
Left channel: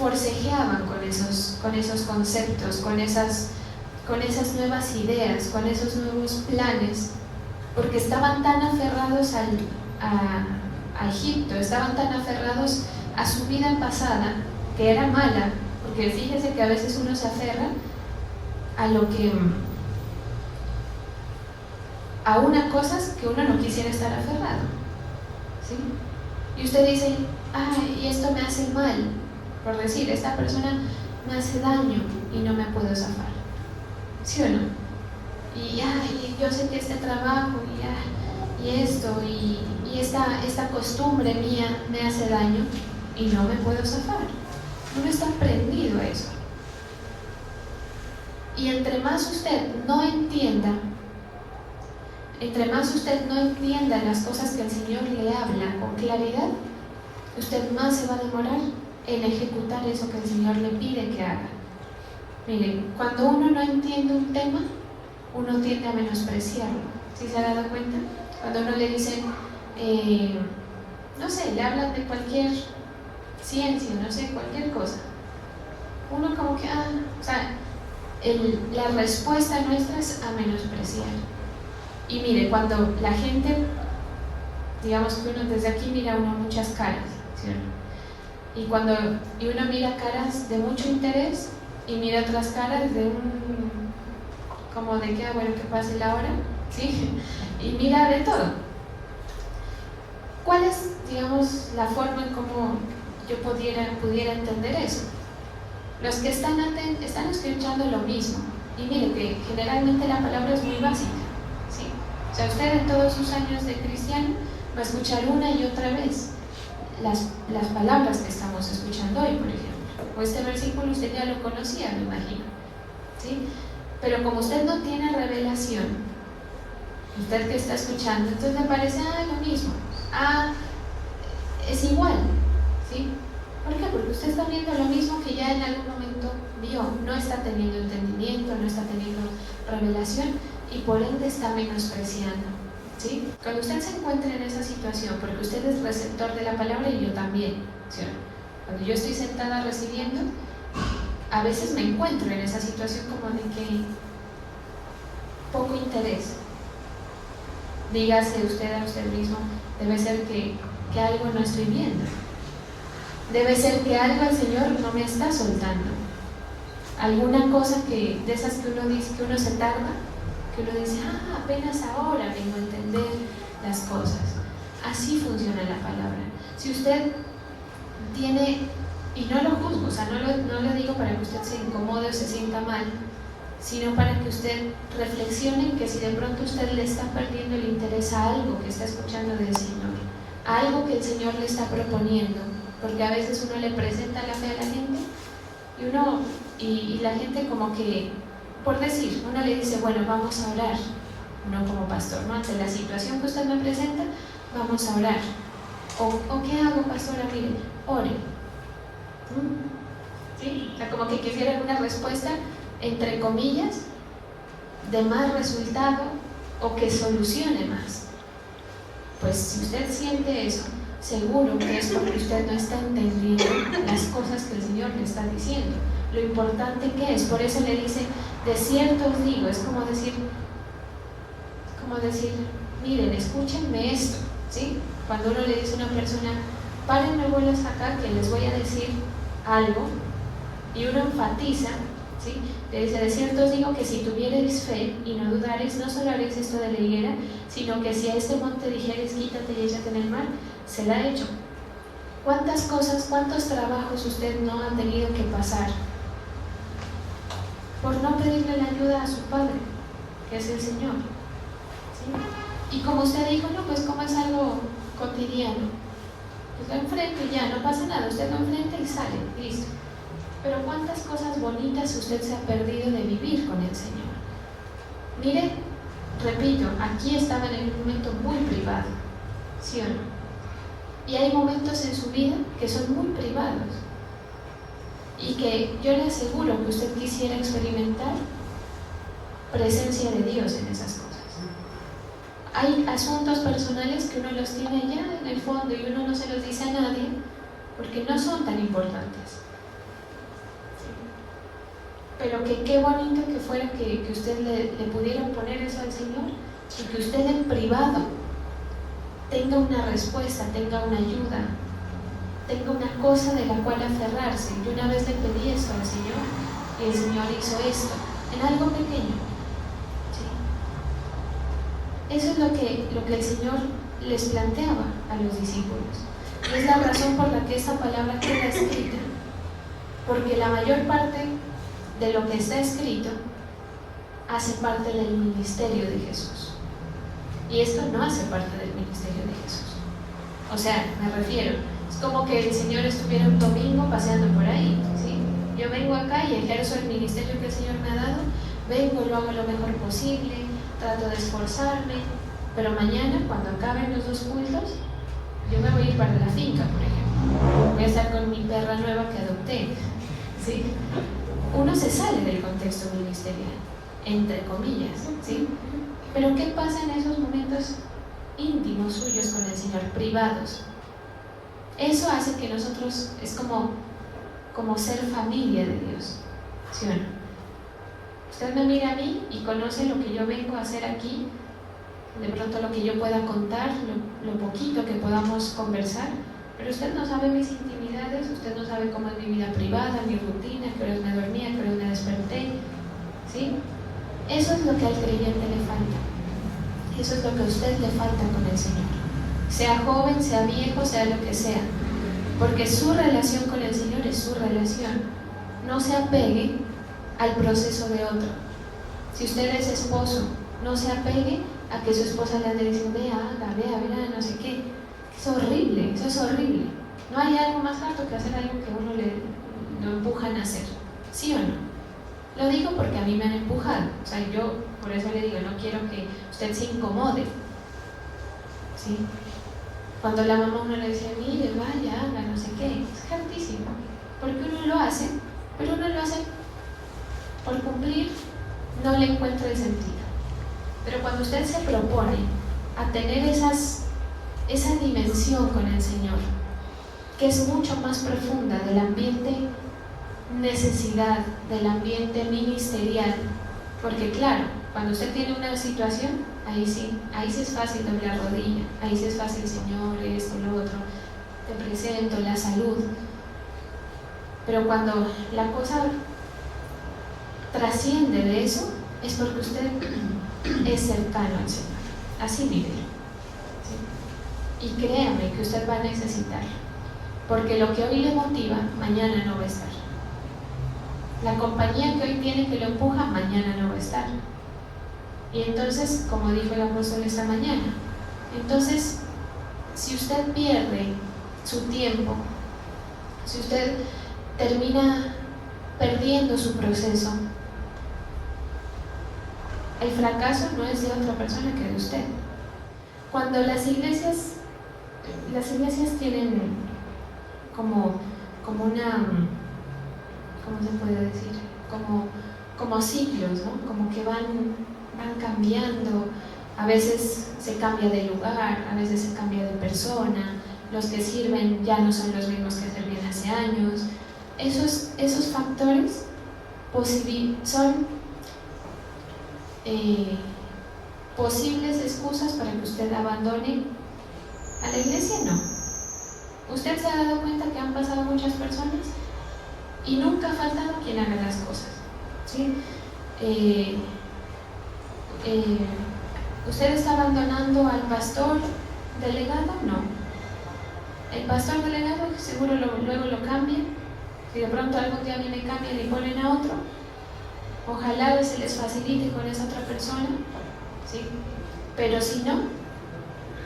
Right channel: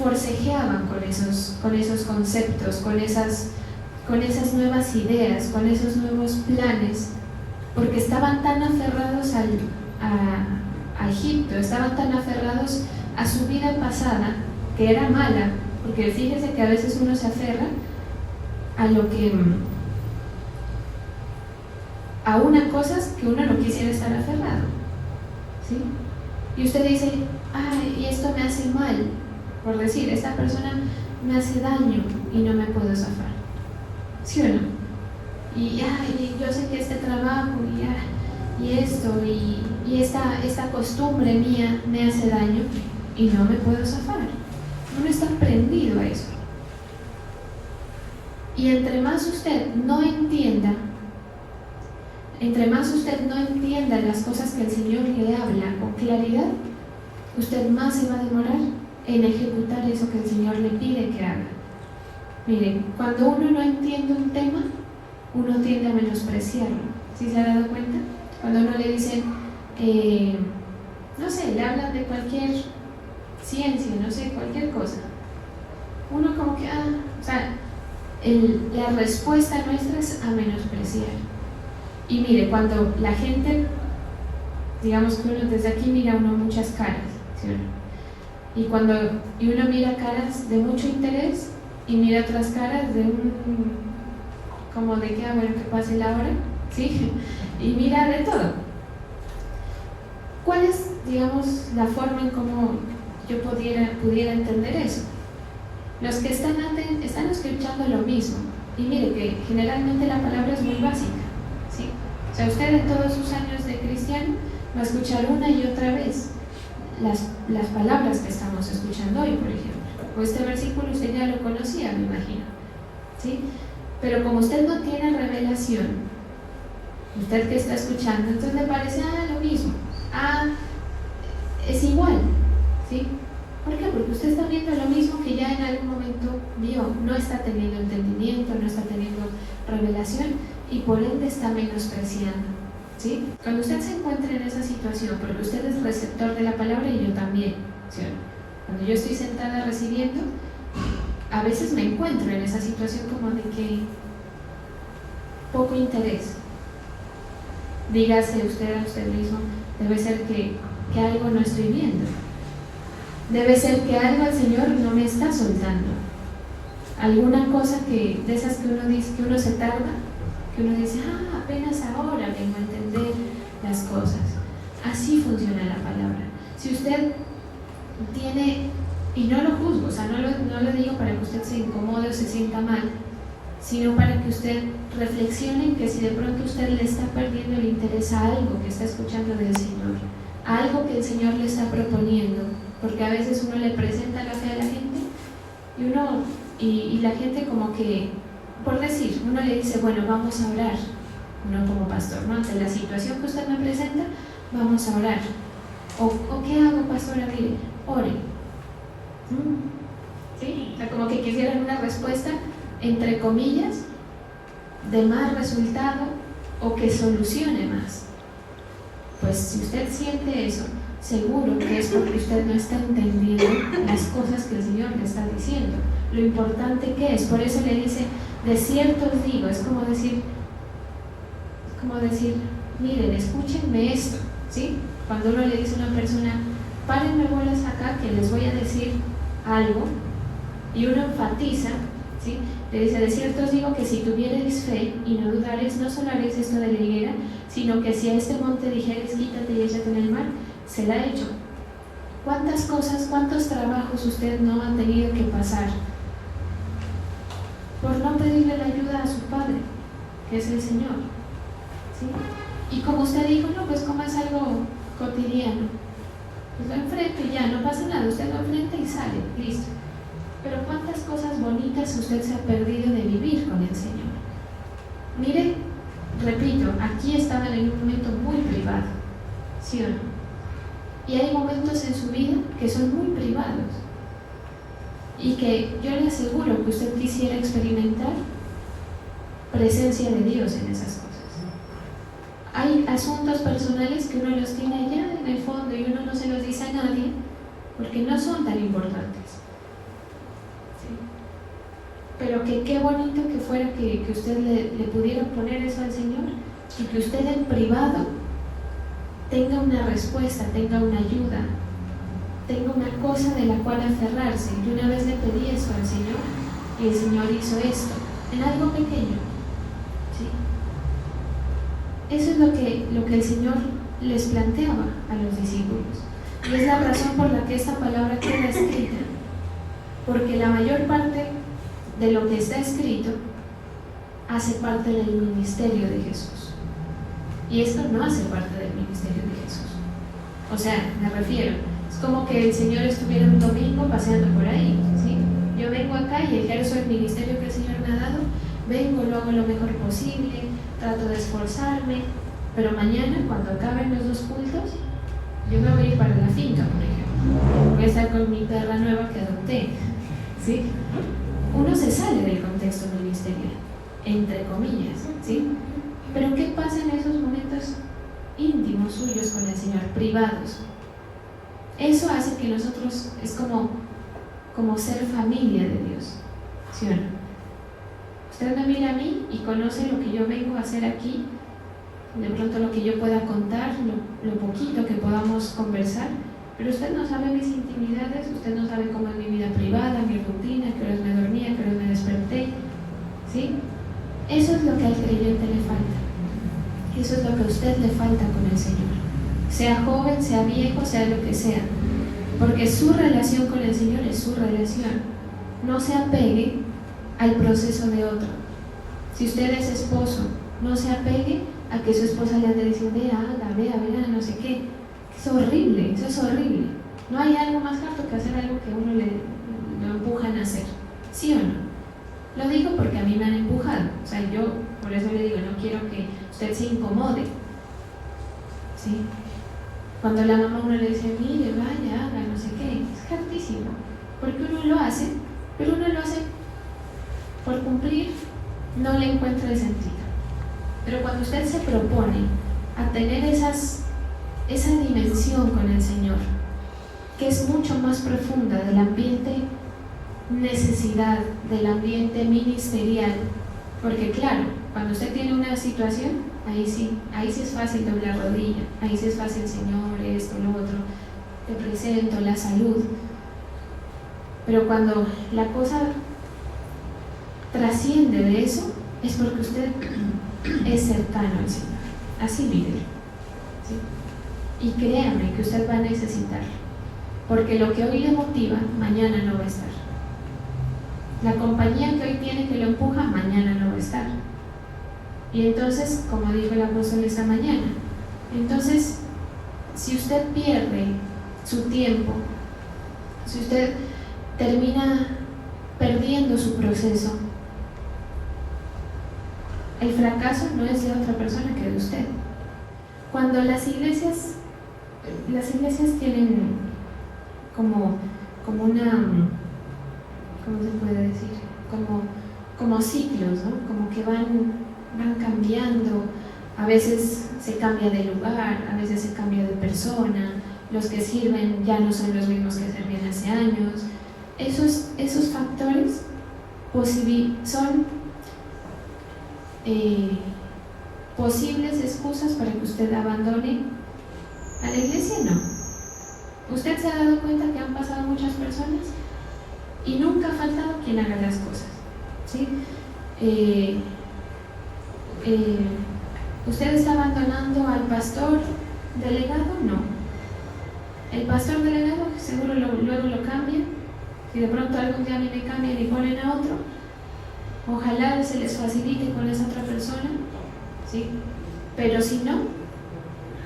forcejeaban con esos conceptos, con esas nuevas ideas, con esos nuevos planes, porque estaban tan aferrados a Egipto, estaban tan aferrados a su vida pasada, que era mala, porque fíjese que a veces uno se aferra a unas cosas que uno no quisiera estar aferrado, ¿sí? Y usted dice, ay, esto me hace mal, por decir, esta persona me hace daño y no me puedo zafar, ¿sí o no? Y yo sé que este trabajo y esto y esta costumbre mía me hace daño y no me puedo zafar. Uno está prendido a eso. Y entre más usted no entienda las cosas que el Señor le habla con claridad, usted más se va a demorar en ejecutar eso que el Señor le pide que haga. Miren, cuando uno no entiende un tema, uno tiende a menospreciarlo. ¿Sí se ha dado cuenta? Cuando uno le dice, no sé, le hablan de cualquier ciencia, no sé, cualquier cosa, uno como que, la respuesta nuestra es a menospreciar. Y mire, cuando la gente, digamos que uno desde aquí mira uno muchas caras, ¿sí? Y uno mira caras de mucho interés y mira otras caras de como de que, bueno, que pase la hora, ¿sí? Y mira de todo. ¿Cuál es, digamos, la forma en cómo yo pudiera entender eso? Los que están escuchando lo mismo. Y mire que generalmente la palabra es muy básica, ¿sí? O sea, usted en todos sus años de cristiano va a escuchar una y otra vez las palabras que estamos escuchando hoy, por ejemplo. O este versículo usted ya lo conocía, me imagino, ¿sí? Pero como usted no tiene revelación, usted que está escuchando, entonces le parece, lo mismo, es igual, ¿sí? ¿Por qué? Porque usted está viendo lo mismo que ya en algún momento vio, no está teniendo entendimiento, no está teniendo revelación y por ende está menospreciando, ¿sí? Cuando usted se encuentre en esa situación, porque usted es receptor de la palabra y yo también, ¿sí? Cuando yo estoy sentada recibiendo, a veces me encuentro en esa situación como de que poco interés. Dígase usted a usted mismo, debe ser que algo no estoy viendo. Debe ser que algo el Señor no me está soltando. Alguna cosa de esas que uno dice, que uno se tarda, que uno dice, apenas ahora vengo a entender las cosas. Así funciona la palabra. Si usted tiene, y no lo juzgo, o sea, no le digo para que usted se incomode o se sienta mal, sino para que usted reflexione que si de pronto usted le está perdiendo el interés a algo que está escuchando del Señor, a algo que el Señor le está proponiendo, porque a veces uno le presenta la fe a la gente y la gente como que, por decir, uno le dice, bueno, vamos a orar, uno como pastor, ¿no? Ante la situación que usted me presenta, vamos a orar. ¿O qué hago, pastora? Mire, ore. ¿Sí? O sea, como que quisieran una respuesta, entre comillas, de más resultado o que solucione más. Pues si usted siente eso, seguro que es porque usted no está entendiendo las cosas que el Señor le está diciendo, lo importante que es. Por eso le dice, de cierto os digo, es como decir, miren, escúchenme esto, ¿sí? Cuando uno le dice a una persona, párenme bolas acá que les voy a decir algo, y uno enfatiza, ¿sí? Le dice, de cierto os digo que si tuvierais fe y no dudaréis, no solo haréis esto de la higuera, sino que si a este monte dijereis, quítate y échate en el mar, será hecho. ¿Cuántas cosas, cuántos trabajos usted no ha tenido que pasar por no pedirle la ayuda a su Padre, que es el Señor? ¿Sí? Y como usted dijo, no, pues como es algo cotidiano, pues lo enfrento y ya, no pasa nada, usted lo enfrenta y sale, listo. Pero cuántas cosas bonitas usted se ha perdido de vivir con el Señor. Mire, repito, aquí estaban en un momento muy privado, ¿sí o no? Y hay momentos en su vida que son muy privados y que yo le aseguro que usted quisiera experimentar presencia de Dios en esas cosas. Hay asuntos personales que uno los tiene allá en el fondo y uno no se los dice a nadie porque no son tan importantes. pero que qué bonito que fuera que usted le pudiera poner eso al Señor y que usted en privado tenga una respuesta, tenga una ayuda, tenga una cosa de la cual aferrarse. Yo una vez le pedí esto al Señor y el Señor hizo esto en algo pequeño, ¿sí? Eso es lo que el Señor les planteaba a los discípulos, y es la razón por la que esta palabra queda escrita, porque la mayor parte de lo que está escrito hace parte del ministerio de Jesús, y esto no hace parte del ministerio de Jesús. O sea, me refiero, es como que el Señor estuviera un domingo paseando por ahí, ¿sí? Yo vengo acá y ejerzo el ministerio que el Señor me ha dado, vengo, lo hago lo mejor posible, trato de esforzarme, pero mañana, cuando acaben los 2 cultos, yo me voy a ir para la finca, por ejemplo. Voy a estar con mi perra nueva que adopté, ¿sí? Uno se sale del contexto ministerial, entre comillas, ¿sí? Pero ¿qué pasa en esos momentos íntimos suyos con el Señor, privados? Eso hace que nosotros, es como ser familia de Dios, ¿sí o no? Usted me mira a mí y conoce lo que yo vengo a hacer aquí, de pronto lo que yo pueda contar, lo poquito que podamos conversar, pero usted no sabe mis intimidades, usted no sabe cómo es mi vida privada, mi rutina, que horas me dormía, que horas me desperté, ¿sí? Eso es lo que al creyente le falta, eso es lo que a usted le falta con el Señor, sea joven, sea viejo, sea lo que sea, porque su relación con el Señor es su relación. No se apegue al proceso de otro. Si usted es esposo, no se apegue a que su esposa le ande diciendo, vea, no sé qué. Es horrible, eso es horrible. No hay algo más alto que hacer algo que a uno lo empujan a hacer, ¿sí o no? Lo digo porque a mí me han empujado, o sea, yo por eso le digo, no quiero que usted se incomode, ¿sí? Cuando la mamá uno le dice, mire, vaya, haga, no sé qué, es hartísimo, porque uno lo hace, pero uno lo hace por cumplir, no le encuentra el sentido. Pero cuando usted se propone a tener esa dimensión con el Señor, que es mucho más profunda del ambiente necesidad, del ambiente ministerial, porque claro, cuando usted tiene una situación, ahí sí es fácil doblar rodilla, ahí sí es fácil, Señor, esto, lo otro, te presento la salud, pero cuando la cosa trasciende de eso, es porque usted es cercano al Señor, así mírelo, ¿sí? Y créame que usted va a necesitar, porque lo que hoy le motiva, mañana no va a estar. La compañía que hoy tiene que lo empuja, mañana no va a estar. Y entonces, como dijo el apóstol esta mañana, entonces, si usted pierde su tiempo, si usted termina perdiendo su proceso, el fracaso no es de otra persona que de usted. Cuando las iglesias tienen como una, ¿cómo se puede decir? Como ciclos, ¿no? Como que van cambiando, a veces se cambia de lugar, a veces se cambia de persona, los que sirven ya no son los mismos que servían hace años. Esos factores son posibles excusas para que usted abandone a la iglesia. No. Usted se ha dado cuenta que han pasado muchas personas y nunca ha faltado quien haga las cosas, ¿sí? ¿Usted está abandonando al pastor delegado? No. El pastor delegado seguro luego lo cambian. Si de pronto algún día viene, cambian y ponen a otro, ojalá se les facilite con esa otra persona, ¿sí? Pero si no,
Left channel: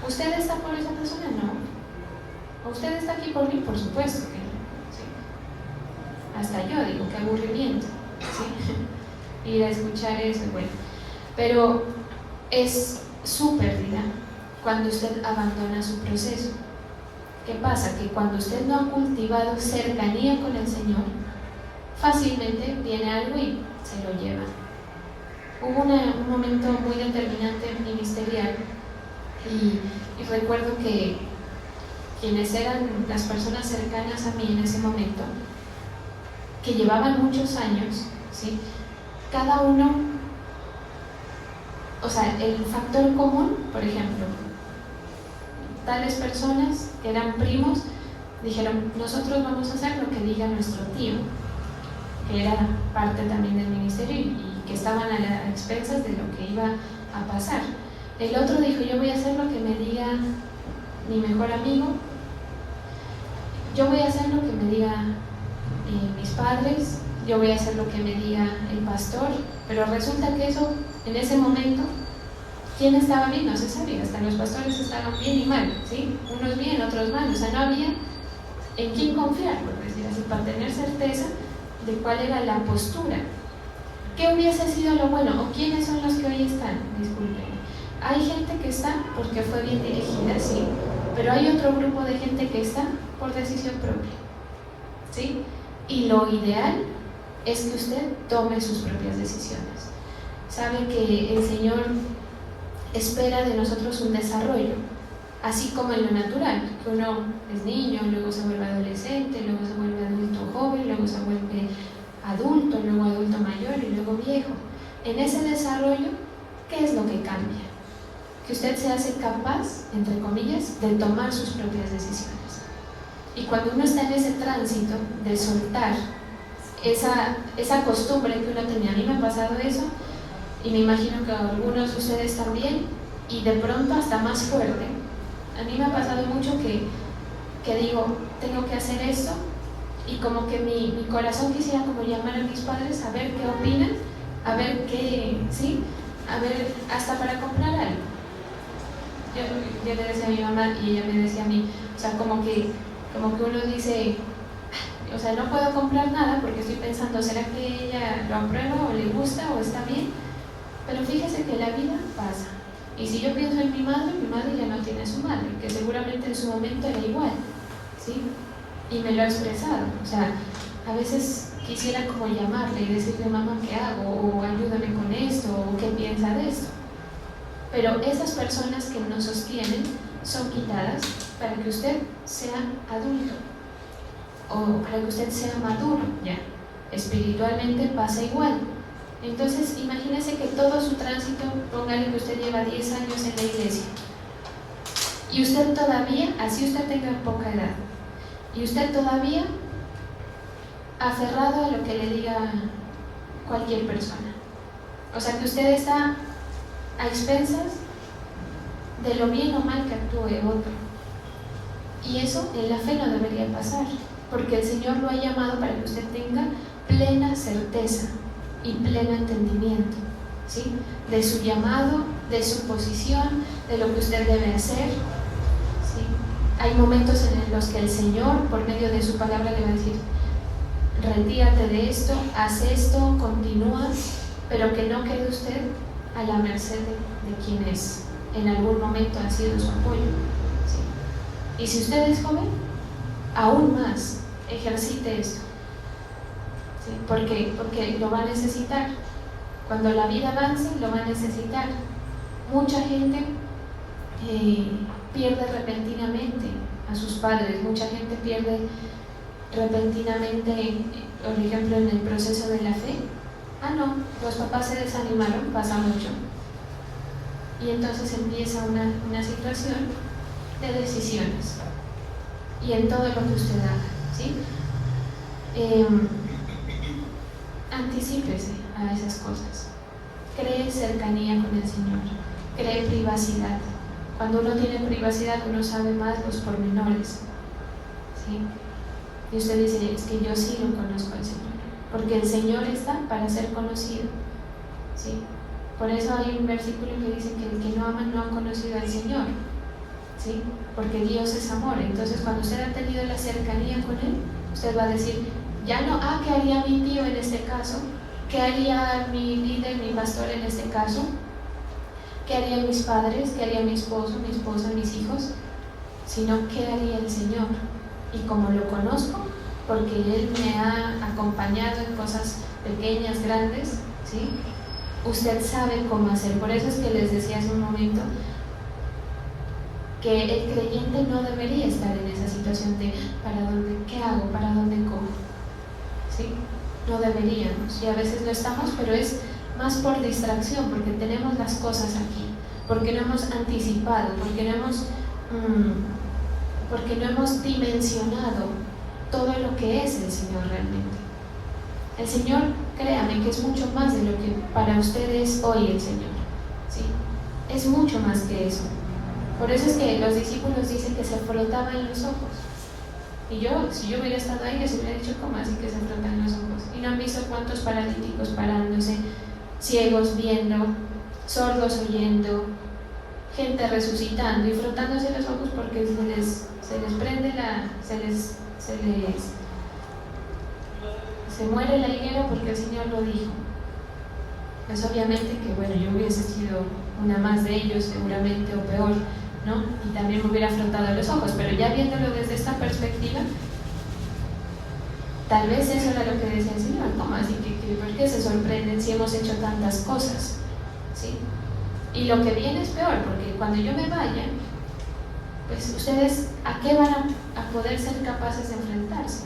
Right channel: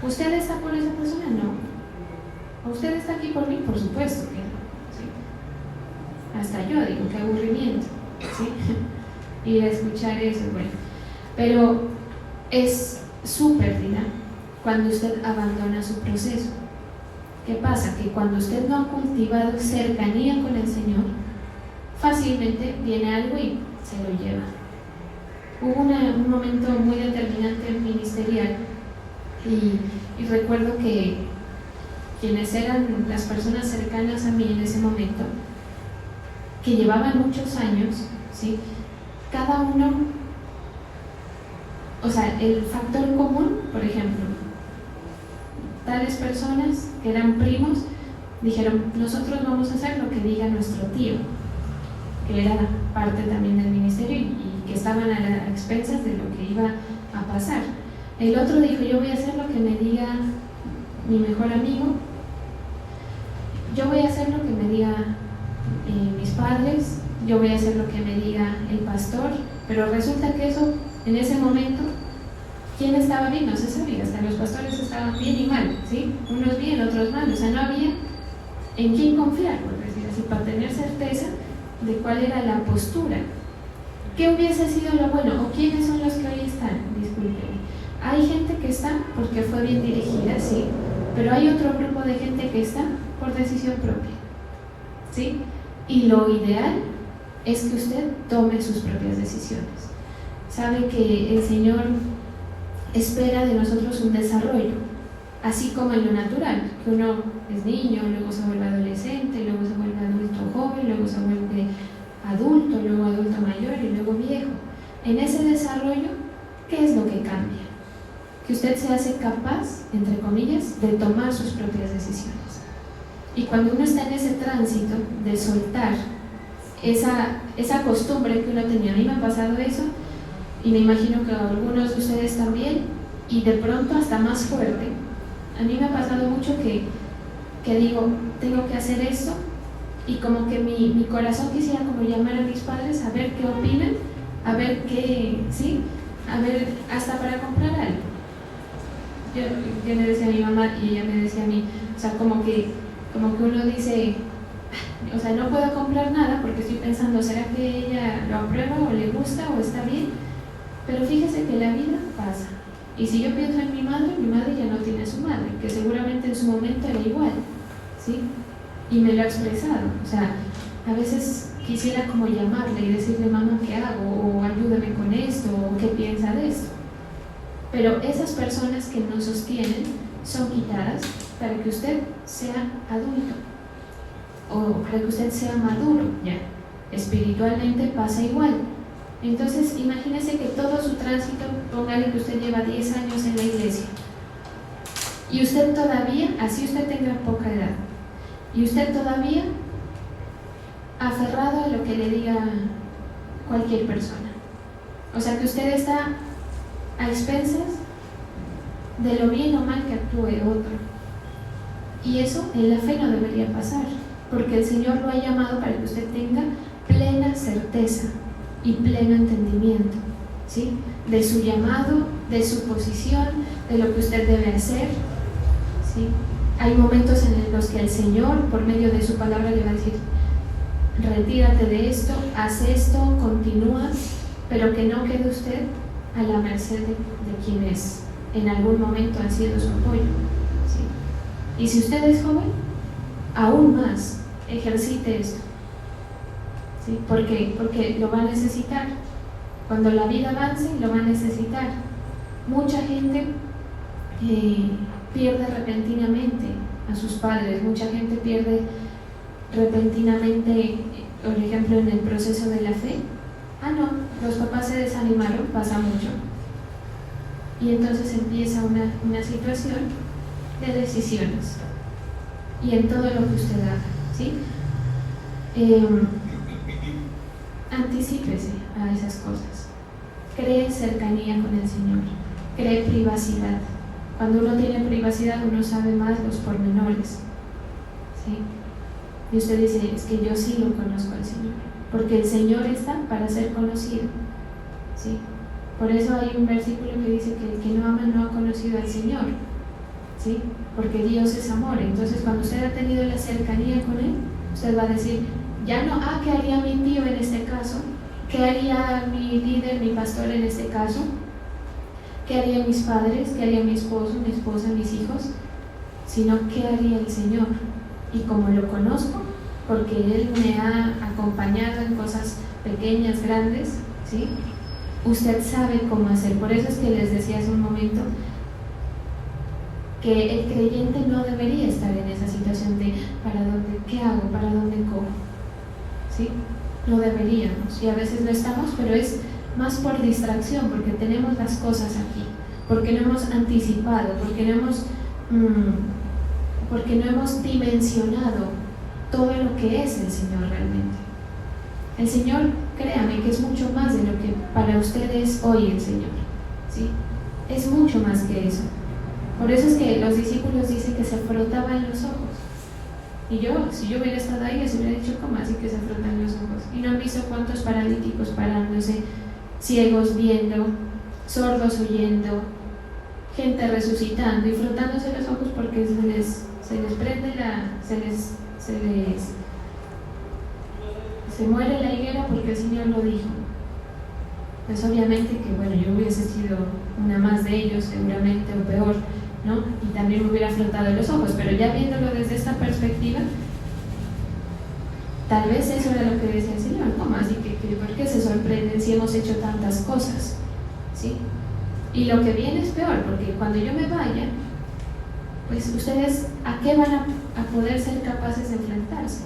¿usted está con esa persona? No. ¿Usted está aquí por mí? Por supuesto que no, ¿sí? Hasta yo digo, qué aburrimiento, ¿sí? Ir a escuchar eso, bueno. Pero es su pérdida cuando usted abandona su proceso. ¿Qué pasa? Que cuando usted no ha cultivado cercanía con el Señor, fácilmente viene algo y se lo lleva. Hubo un momento muy determinante ministerial y recuerdo que quienes eran las personas cercanas a mí en ese momento, que llevaban muchos años ¿sí? Cada uno, o sea, el factor común, por ejemplo, tales personas que eran primos dijeron, nosotros vamos a hacer lo que diga nuestro tío, que era parte también del ministerio y que estaban a expensas de lo que iba a pasar. El otro dijo, yo voy a hacer lo que me diga mi mejor amigo, yo voy a hacer lo que me diga mis padres, yo voy a hacer lo que me diga el pastor, pero resulta que eso, en ese momento, ¿quién estaba bien? No se sabía, hasta los pastores estaban bien y mal, ¿sí? Unos bien, otros mal, o sea, no había en quién confiar, por decirlo así, para tener certeza de cuál era la postura. ¿Qué hubiese sido lo bueno? ¿O quiénes son los que hoy están? Disculpen. Hay gente que está porque fue bien dirigida, sí, pero hay otro grupo de gente que está por decisión propia, ¿sí? Y lo ideal es que usted tome sus propias decisiones. Sabe que el Señor espera de nosotros un desarrollo, así como en lo natural, que uno es niño, luego se vuelve adolescente, luego se vuelve adulto joven, luego se vuelve adulto, luego adulto mayor y luego viejo. En ese desarrollo, ¿qué es lo que cambia? Que usted se hace capaz, entre comillas, de tomar sus propias decisiones. Y cuando uno está en ese tránsito de soltar esa costumbre que uno tenía, a mí me ha pasado eso, y me imagino que a algunos de ustedes también, y de pronto hasta más fuerte. A mí me ha pasado mucho que digo, tengo que hacer esto, y como que mi corazón quisiera como llamar a mis padres a ver qué opinan, a ver qué, sí, a ver, hasta para comprar algo. Yo le decía a mi mamá y ella me decía a mí, o sea, como que uno dice, o sea, no puedo comprar nada porque estoy pensando, ¿será que ella lo aprueba o le gusta o está bien? Pero fíjese que la vida pasa. Y si yo pienso en mi madre ya no tiene su madre, que seguramente en su momento era igual, ¿sí? Y me lo ha expresado. O sea, a veces quisiera como llamarle y decirle, mamá, ¿qué hago? O ayúdame con esto, o ¿qué piensa de esto? Pero esas personas que nos sostienen son quitadas para que usted sea adulto, o para que usted sea maduro, ya. Espiritualmente pasa igual. Entonces, imagínese que todo su tránsito, póngale que usted lleva 10 años en la iglesia, y usted todavía, así usted tenga poca edad, y usted todavía aferrado a lo que le diga cualquier persona. O sea, que usted está a expensas de lo bien o mal que actúe otro. Y eso en la fe no debería pasar, porque el Señor lo ha llamado para que usted tenga plena certeza y pleno entendimiento, ¿sí? De su llamado, de su posición, de lo que usted debe hacer, ¿sí? Hay momentos en los que el Señor, por medio de su palabra, le va a decir, retírate de esto, haz esto, continúa, pero que no quede usted a la merced de quien es, en algún momento ha sido su apoyo, ¿sí? Y si usted es joven, aún más, ejercite esto, ¿sí? Porque lo va a necesitar. Cuando la vida avance, lo va a necesitar. Mucha gente pierde repentinamente a sus padres, mucha gente pierde repentinamente, por ejemplo, en el proceso de la fe. Los papás se desanimaron, pasa mucho. Y entonces empieza una situación de decisiones. Y en todo lo que usted haga, ¿sí? Anticípese a esas cosas. Cree cercanía con el Señor. Cree privacidad. Cuando uno tiene privacidad, uno sabe más los pormenores, ¿sí? Y usted dice, es que yo sí lo conozco al Señor, porque el Señor está para ser conocido, ¿sí? Por eso hay un versículo que dice que el que no ama no ha conocido al Señor, ¿sí? Porque Dios es amor. Entonces, cuando usted ha tenido la cercanía con Él, usted va a decir, ya no, ¿qué haría mi tío en este caso? ¿Qué haría mi líder, mi pastor en este caso? ¿Qué harían mis padres? ¿Qué haría mi esposo, mi esposa, mis hijos? Sino, ¿qué haría el Señor? Y como lo conozco, porque Él me ha acompañado en cosas pequeñas, grandes, ¿sí? Usted sabe cómo hacer. Por eso es que les decía hace un momento que el creyente no debería estar en esa situación de ¿para dónde? ¿Qué hago? ¿Para dónde cojo? ¿Sí? no deberíamos, y a veces no estamos, pero es más por distracción, porque tenemos las cosas aquí, porque no hemos anticipado, porque no hemos dimensionado todo lo que es el Señor realmente. El Señor, créame, que es mucho más de lo que para ustedes hoy el Señor, ¿sí? Es mucho más que eso. Por eso es que los discípulos dicen que se frotaban los ojos. Y yo, si yo hubiera estado ahí, les hubiera dicho, ¿cómo así que se frotan los ojos? Y no han visto cuántos paralíticos parándose, ciegos viendo, sordos oyendo, gente resucitando y frotándose los ojos porque se les prende se muere la higuera porque el Señor lo dijo. Pues obviamente que, bueno, yo hubiese sido una más de ellos seguramente, o peor, ¿no? Y también me hubiera frotado los ojos, pero ya viéndolo desde esta perspectiva, tal vez eso era lo que decía el Señor, ¿cómo así que por qué se sorprenden si hemos hecho tantas cosas? ¿Sí? Y lo que viene es peor, porque cuando yo me vaya, pues ustedes, ¿a qué van a poder ser capaces de enfrentarse?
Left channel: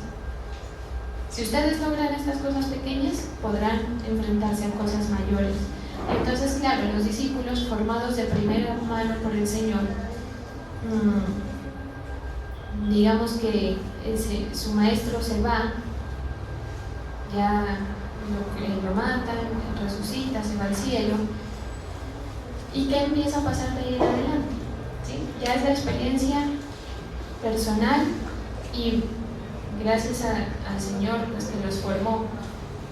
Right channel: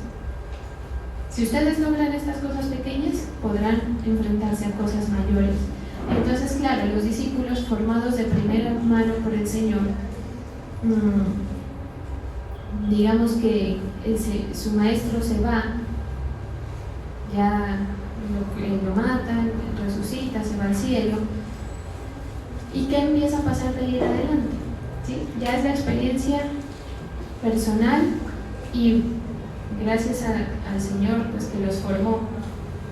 Si ustedes logran estas cosas pequeñas, podrán enfrentarse a cosas mayores. Entonces, claro, los discípulos formados de primera mano por el Señor, digamos que su maestro se va, ya lo matan, resucita, se va al cielo. ¿Y qué empieza a pasar de ahí en adelante? ¿Sí? Ya es la experiencia personal y gracias al Señor pues, que los formó,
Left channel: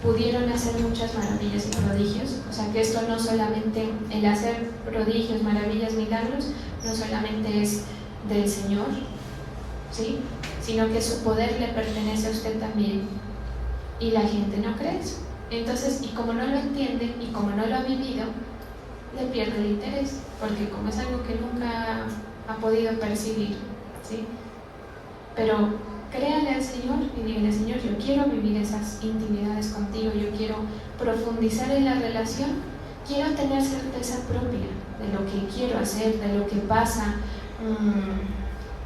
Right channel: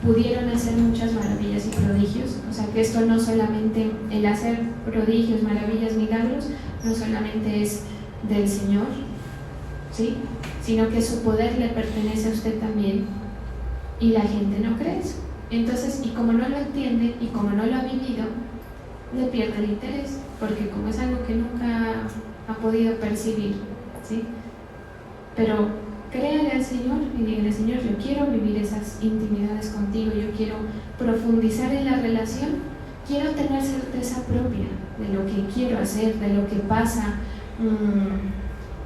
pudieron hacer muchas maravillas y prodigios. O sea que esto no solamente, el hacer prodigios, maravillas, milagros, no solamente es del Señor, ¿sí? Sino que su poder le pertenece a usted también y la gente no cree eso. Entonces, y como no lo entiende y como no lo ha vivido, le pierde el interés, porque como es algo que nunca ha podido percibir, ¿sí? Pero créale al Señor y dile, Señor, yo quiero vivir esas intimidades contigo, yo quiero profundizar en la relación, quiero tener certeza propia de lo que quiero hacer, de lo que pasa.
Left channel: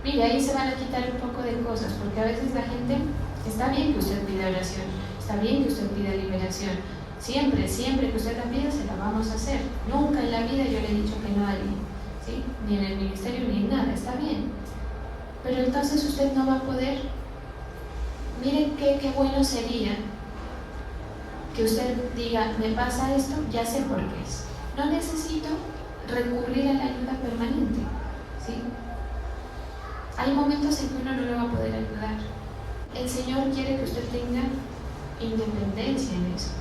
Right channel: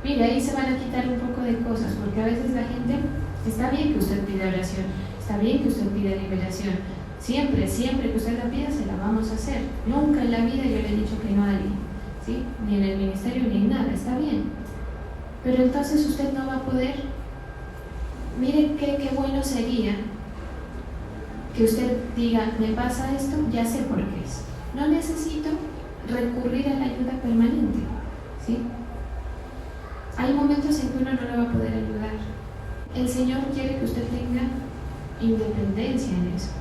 Mire, ahí se van a quitar un poco de cosas, porque a veces la gente, está bien que usted pida oración, está bien que usted pida liberación, siempre que usted la pida, se la vamos a hacer. Nunca en la vida yo le he dicho que no a alguien, ¿sí? Ni en el ministerio ni en nada, está bien. Pero entonces usted no va a poder. Miren qué bueno sería que usted diga, me pasa esto, ya sé por qué es. No necesito recurrir a la ayuda permanente, ¿sí? Hay momentos en que uno no le va a poder ayudar. El Señor quiere que usted tenga independencia en eso,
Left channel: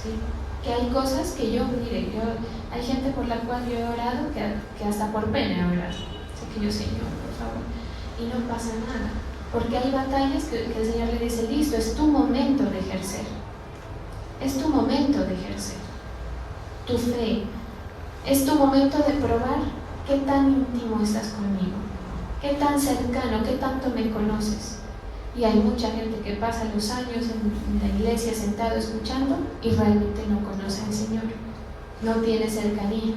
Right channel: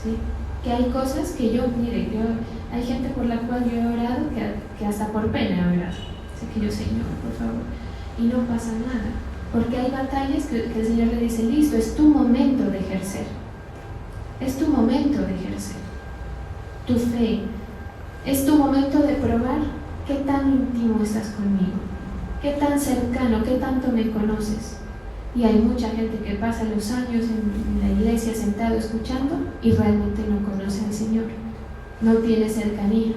¿sí? Que hay cosas que hay gente por la cual yo he orado que hasta por pena he orado. Así que yo, Señor, por favor, y no pasa nada, porque hay batallas que el Señor le dice, listo, es tu momento de ejercer, es tu momento de ejercer tu fe, es tu momento de probar qué tan íntimo estás conmigo, qué tan cercano, qué tanto me conoces. Y hay mucha gente que pasa los años en la iglesia sentado escuchando y realmente no conoce al Señor, no tiene cercanía.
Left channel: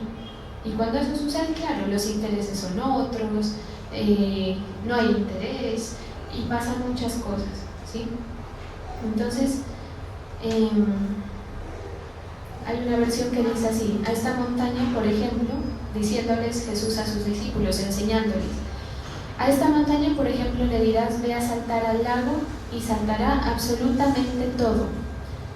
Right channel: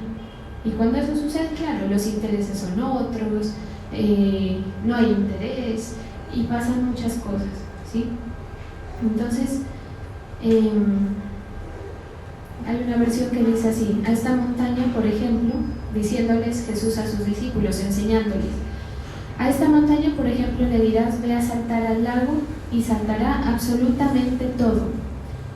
Y cuando eso sucede, claro, los intereses son otros, no hay interés y pasan muchas cosas, ¿sí? Entonces, hay una versión que dice así: a esta montaña, por ejemplo, diciéndoles Jesús a sus discípulos, enseñándoles, a esta montaña, por ejemplo, le dirás, ve a saltar al lago, y saltará absolutamente todo,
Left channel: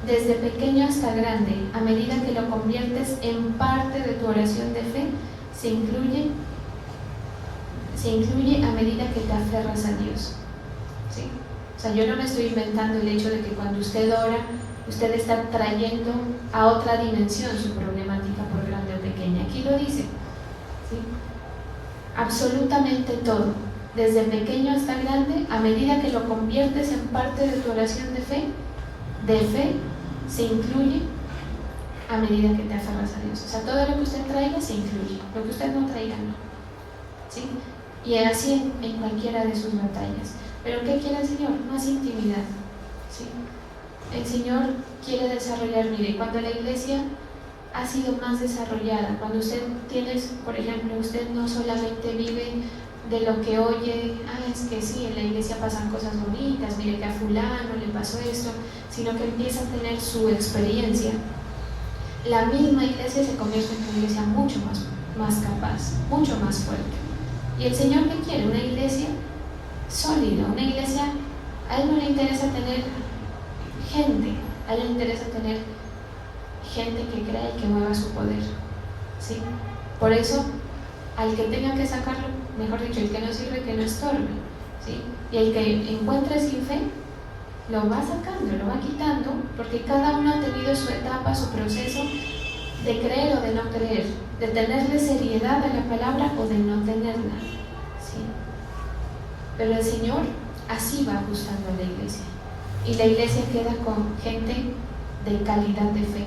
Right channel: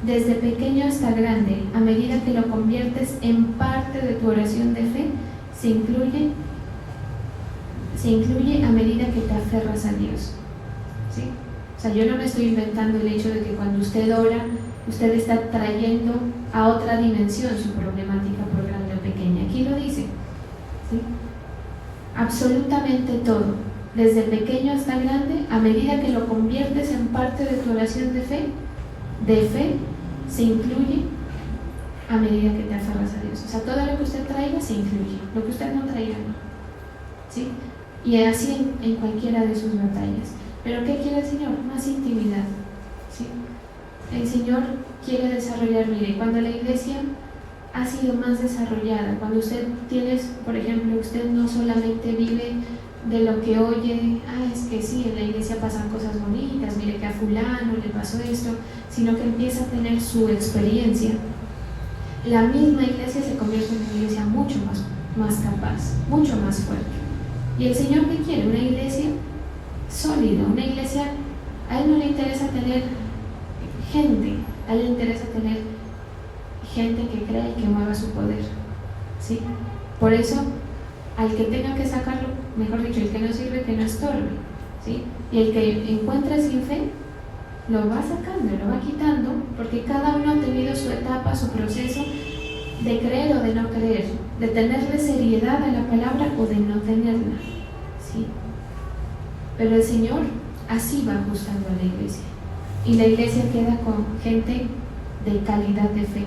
desde pequeño hasta grande. A medida que lo conviertes en parte de tu oración de fe, se incluye a medida que te aferras a Dios, ¿sí? O sea, yo no me estoy inventando el hecho de que cuando usted ora, usted está trayendo a otra dimensión su problemática, por grande o pequeña. Aquí lo dice, ¿sí? Absolutamente todo, desde pequeño hasta grande, a medida que lo conviertes en parte de tu oración de fe, se incluye a medida que te aferras a Dios. O sea, todo lo que usted traiga se incluye, lo que usted no traiga no, ¿sí? Y así en cualquiera de sus batallas. ¿Pero qué quiere el Señor? Más intimidad, ¿sí? El Señor quiere desarrollar, mire, cuando la iglesia ha sido más desarrollada, cuando usted tiene, por ejemplo, usted no solamente vive de lo que oye, es que sí, en la iglesia pasan cosas bonitas, mire que a fulano le pasó esto, sino que empieza a tener su experiencia. La misma iglesia se convierte en una iglesia mucho más capaz, mucho más fuerte. Y el Señor, ¿qué quiere? Una iglesia sólida, una iglesia. A Él no le interesa tener gente, a Él le interesa tener gente que crea y que mueva su poder, ¿sí? Por eso, al que tenga que sacarlo, mejor dicho, el que no sirve, que no estorbe, ¿sí? Y el que encuentre sin fe, lo va sacando, lo va quitando, porque cada uno ha tenido su etapa, su proceso de creer o de no creer, de tenerle seriedad a la palabra o de no tenerla, ¿sí? Pero el Señor así va ajustando a la iglesia, y la iglesia queda con gente de calidad de fe,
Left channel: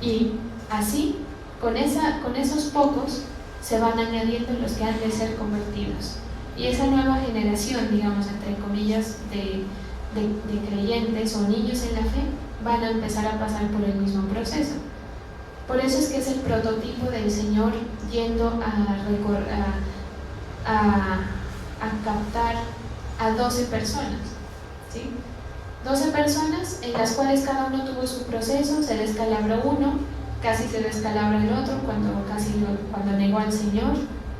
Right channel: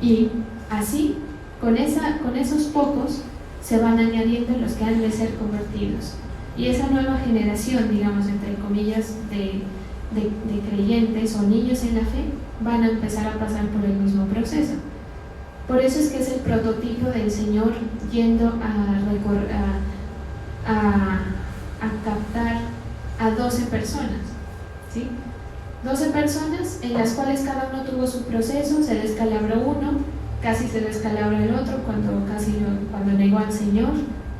y así, con esos pocos, se van añadiendo los que han de ser convertidos, y esa nueva generación, digamos, entre comillas, de creyentes o niños en la fe, van a empezar a pasar por el mismo proceso. Por eso es que es el prototipo del Señor yendo a captar a 12 personas, ¿sí? 12 personas en las cuales cada uno tuvo su proceso, se descalabró uno, casi se descalabra el otro cuando negó al Señor,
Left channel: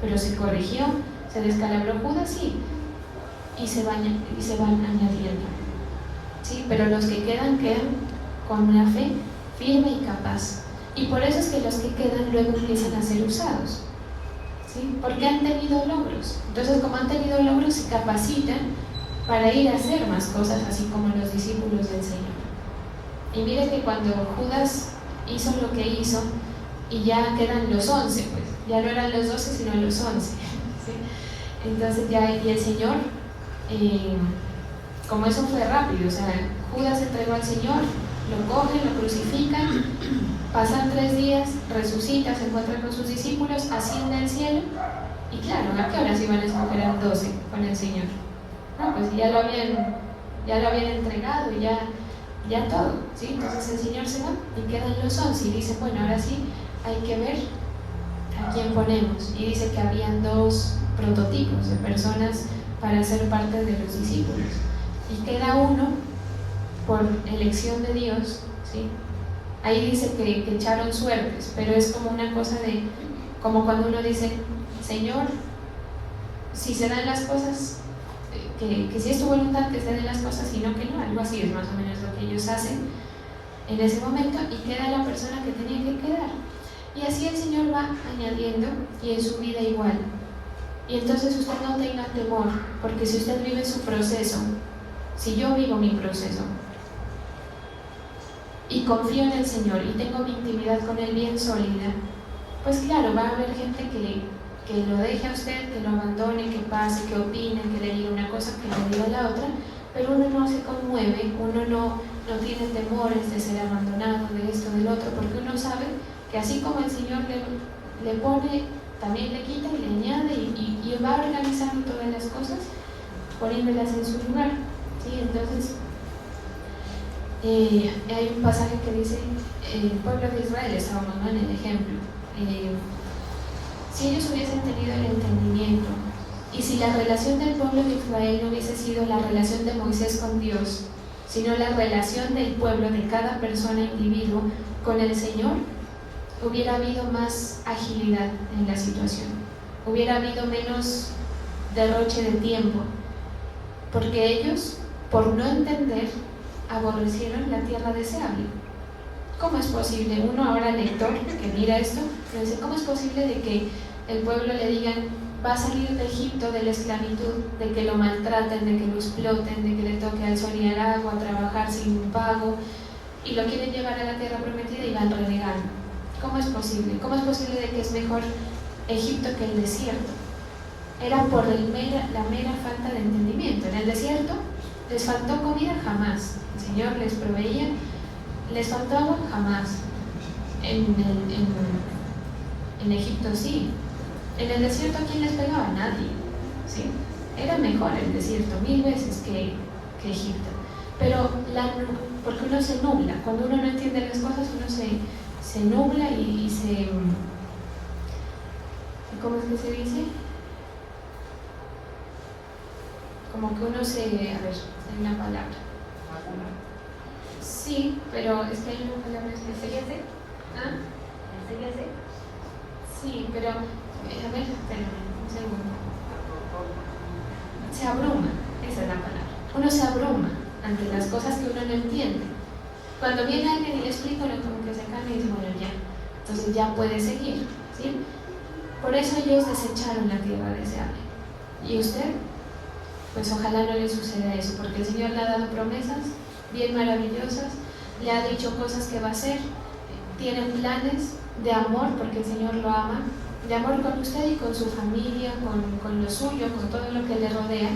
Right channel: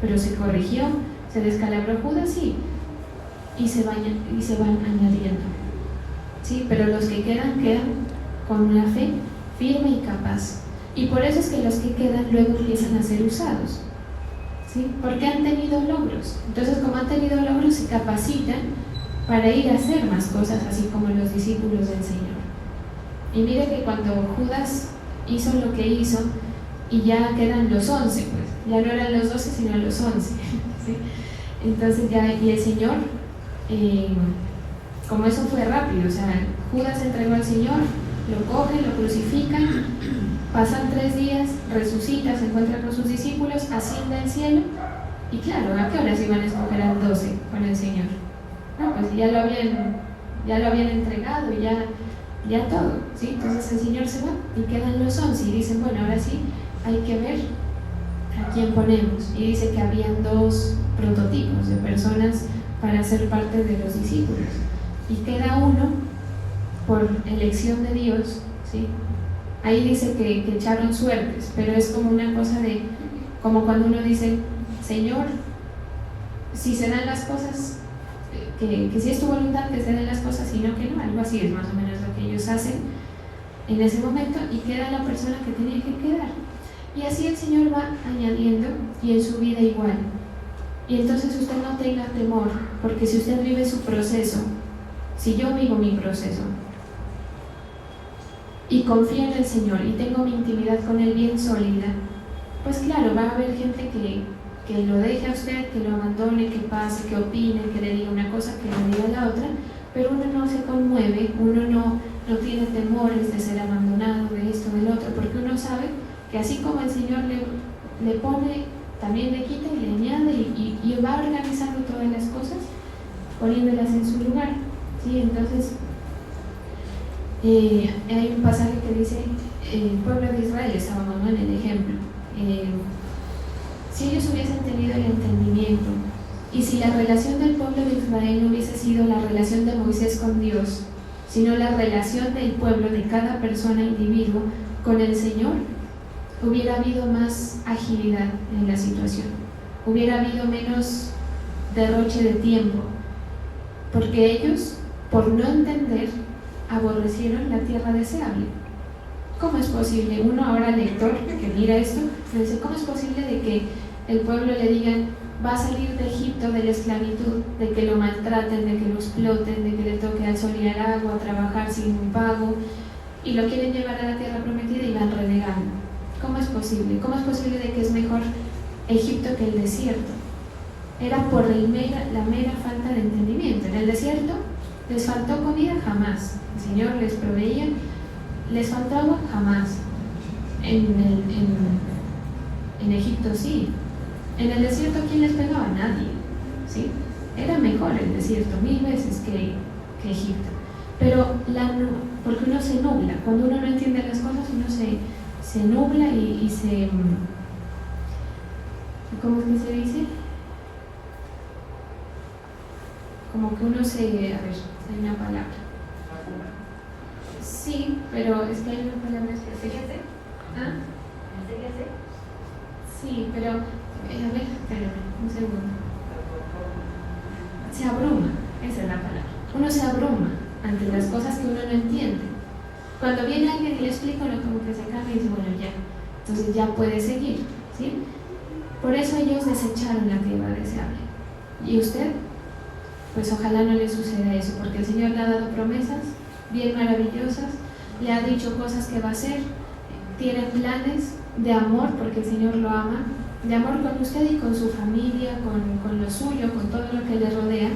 pero se corrigió, se descalabró Judas y se van añadiendo, ¿sí? Pero los que quedan con una fe firme y capaz, y por eso es que los que quedan luego empiezan a ser usados, ¿sí? Porque han tenido logros. Entonces, como han tenido logros, se capacitan para ir a hacer más cosas, así como los discípulos del Señor. Y mire que cuando Judas hizo lo que hizo, y ya quedan los 11, pues ya no eran los 12 sino los 11, ¿sí? Entonces y el Señor, como eso fue rápido, o sea, Judas entregó al Señor, lo coge, lo crucifica, pasan 3 días, resucita, se encuentra con sus discípulos, asciende al cielo, y claro, ¿a qué hora se iban a escoger el 12 con el Señor? No, pues ya lo habían entregado, ya todo, ¿sí? Entonces el Señor se va y quedan los 11 y dicen, bueno, ahora sí hay que ver a quién ponemos, y dice que habían 2 prototipos de personas para ser parte de los discípulos, y queda uno por elección de Dios, ¿sí? Ahí dice que echaron suertes, pero es como una cosa como cuando uno dice, Señor, si se dan las cosas, que si es tu voluntad que se den las cosas, sino que no, algo así es más o menos lo que ellos hacen en ese momento, y queda la persona que tenía que quedar. Y así el Señor va añadiendo, y en su vida igual. Y entonces usted no tenga temor, porque si usted vive su proceso, si yo vivo mi proceso y confío en el Señor y tengo mi intimidad con Él bien sólida, pues claro, va a haber gente que lo deje a usted, que lo abandone, que pase, que opine, que le diga una cosa, que le diga la otra, pero uno no se conmueve, uno no tiene temores de ser abandonado, de esto, del otro, porque uno sabe que así como el Señor le pone, también le quita y le añade, y va organizando todas las cosas, poniéndolas en su lugar, ¿sí? Entonces, hay un pasaje que dice, el pueblo de Israel, estábamos, ¿no?, en el ejemplo, si ellos hubiesen tenido el entendimiento, y si la relación del pueblo de Israel no hubiese sido la relación de Moisés con Dios, sino la relación del pueblo, de cada persona, individuo, con el Señor, hubiera habido más agilidad en la situación, hubiera habido menos derroche de tiempo, porque ellos, por no entender, aborrecieron la tierra deseable. ¿Cómo es posible? Uno ahora lector que mira esto, le dice, ¿cómo es posible de que el pueblo le digan, va a salir de Egipto, de la esclavitud, de que lo maltraten, de que lo exploten, de que le toque al sol y al agua, trabajar sin pago, y lo quieren llevar a la tierra prometida y van renegando? ¿Cómo es posible? ¿Cómo es posible de que es mejor Egipto que el desierto? Era por la mera falta de entendimiento. En el desierto les faltó comida, jamás. El Señor les proveía. Les faltó agua, jamás. En Egipto sí. En el desierto, ¿quién les pegaba? Nadie, ¿sí? Era mejor el desierto 1000 veces que Egipto. Pero porque uno se nubla. Cuando uno no entiende las cosas, uno se nubla y se... ¿Cómo es que se dice? como que uno se... A ver, hay una palabra. Sí, pero es que hay una palabra específica. ¿Ah? Sí, pero... a ver, espérame, un segundo. Se abruma, esa es la palabra. Uno se abruma ante las cosas que uno no entiende. Cuando viene alguien y le explica, uno como que se calma y dice, bueno, ya. Entonces ya puede seguir, ¿sí? Por eso ellos desecharon la tierra deseable. ¿Y usted? Pues ojalá no le suceda eso, porque el Señor le ha dado promesas bien maravillosas, le ha dicho cosas que va a hacer, tiene planes de amor, porque el Señor lo ama, de amor con usted y con su familia, con lo suyo, con todo lo que le rodea.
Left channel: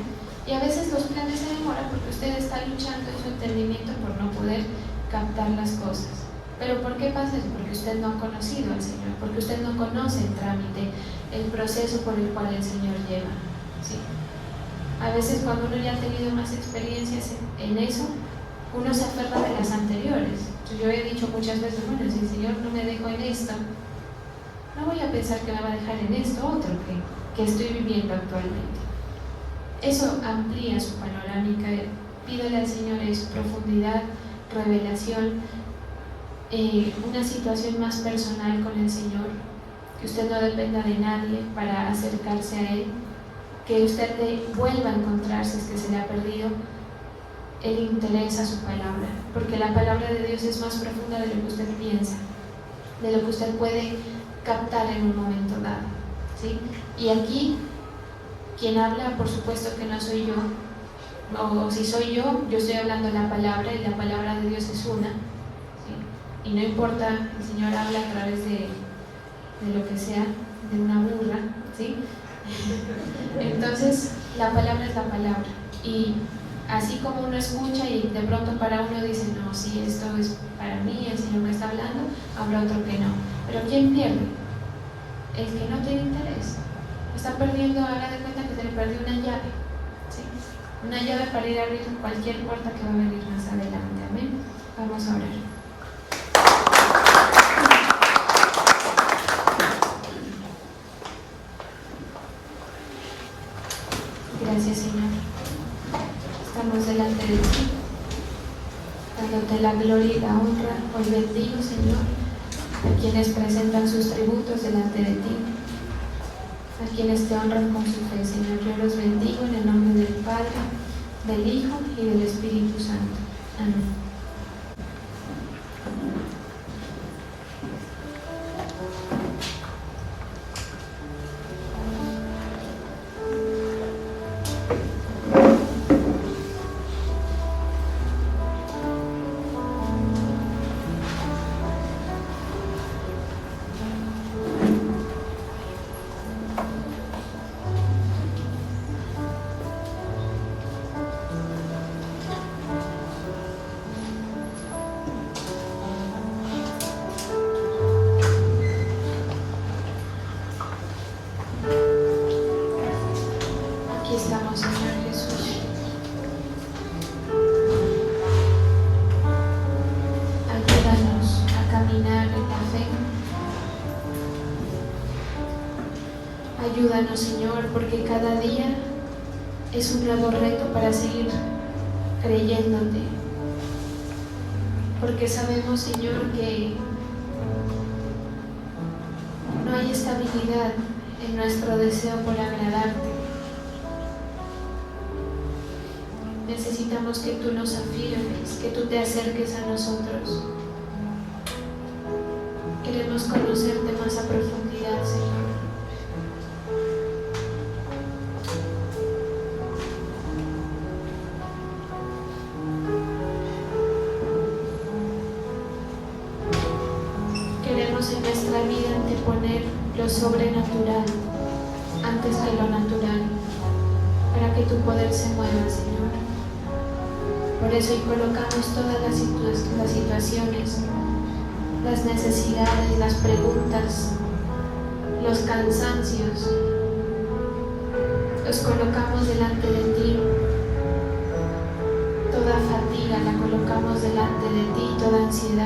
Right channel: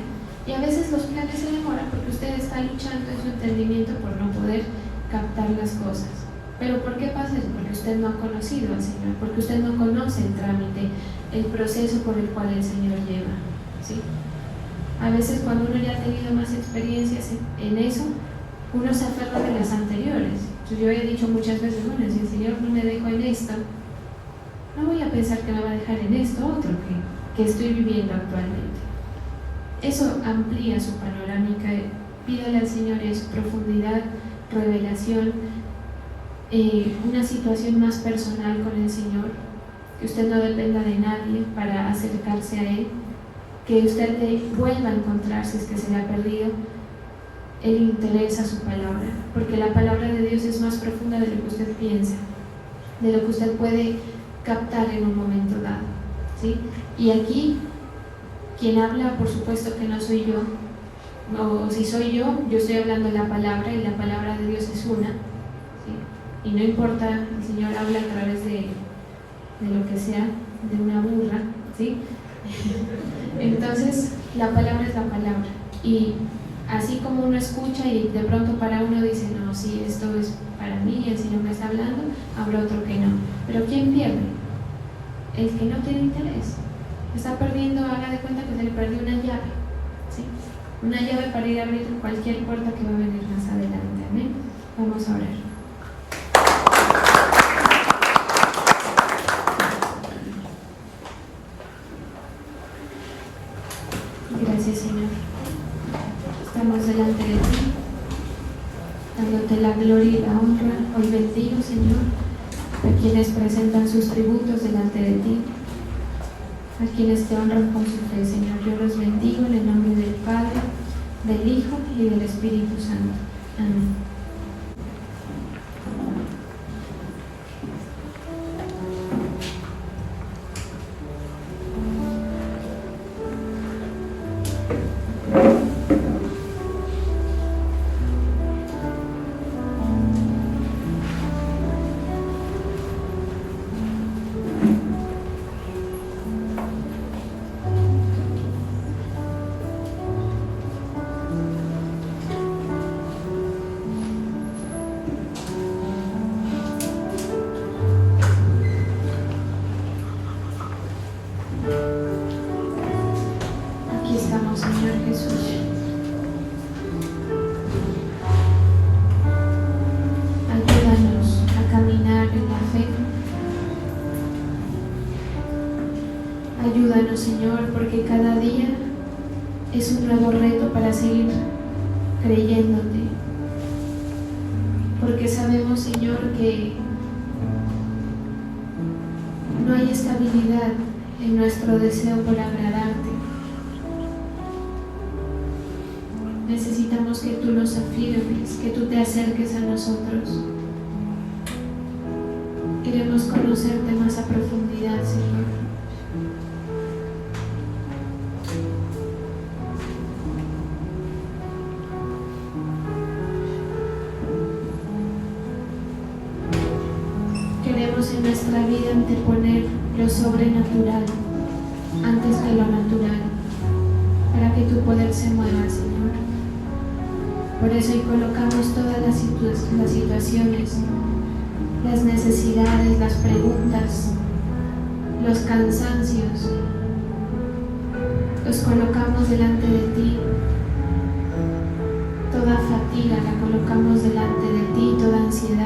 Y a veces los planes se demoran porque usted está luchando en su entendimiento por no poder captar las cosas. ¿Pero por qué pasa eso? Porque usted no ha conocido al Señor, porque usted no conoce el trámite, el proceso por el cual el Señor lleva, ¿sí? A veces cuando uno ya ha tenido más experiencias en eso, uno se aferra de las anteriores. Yo he dicho muchas veces, bueno, si el Señor no me dejó en esto, no voy a pensar que me va a dejar en esto otro que estoy viviendo actualmente. Eso amplía su panorámica. Pídale al Señor eso, profundidad, revelación, una situación más personal con el Señor, que usted no dependa de nadie para acercarse a Él, que usted le vuelva a encontrar si es que se le ha perdido el interés a su palabra, porque la palabra de Dios es más profunda de lo que usted piensa, de lo que usted puede captar en un momento dado, ¿sí? Y aquí, quien habla, por supuesto que no soy yo, o si soy yo estoy hablando de la palabra, y la palabra de Dios es una, ¿sí? Y no importa, el Señor habla a través de lo que sea, de una burra, ¿sí? Entonces, la palabra es la palabra, y así como uno escucha y de pronto para uno dice, no, sí, esto es para mí, el Señor me está hablando, habrá otro que no. Pero ¿quién pierde? El que no tiene interés. Está perdiendo, haga de cuenta que se le perdió una llave, ¿sí? Una llave para ir a abrir cualquier puerta que va a venir más adelante. Amén. Vamos a orar. Gracias, Señor. Estamos delante de ti, dándote la gloria y la honra. Hoy bendigo, Señor, a quienes presentan sus tributos delante de ti, a quienes te honran con su fe, Señor. Yo los bendigo en el nombre del Padre, del Hijo y del Espíritu Santo. Amén. Ayúdanos, Señor, porque cada día es un nuevo reto para seguir creyéndote. Porque sabemos, Señor, que no hay estabilidad en nuestro deseo por agradarte. Necesitamos que tú nos afirmes, que tú te acerques a nosotros. Queremos conocerte más a profundidad, Señor. En nuestra vida anteponer lo sobrenatural antes que lo natural, para que tu poder se mueva, Señor. Por eso hoy colocamos todas las situaciones, las necesidades, las preguntas, los cansancios, los colocamos delante de ti. Toda fatiga la colocamos delante de ti, toda ansiedad.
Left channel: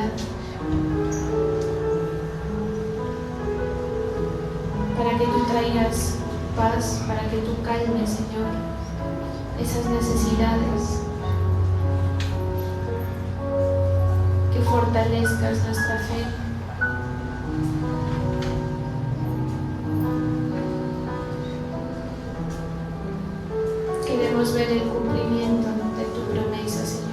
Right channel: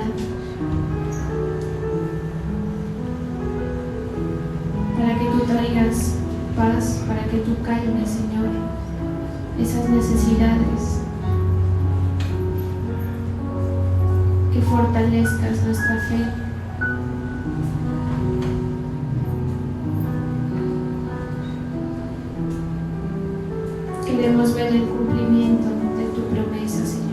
Paz, para que tú calmes, Señor, esas necesidades, que fortalezcas nuestra fe. Queremos ver el cumplimiento de tu promesa, Señor.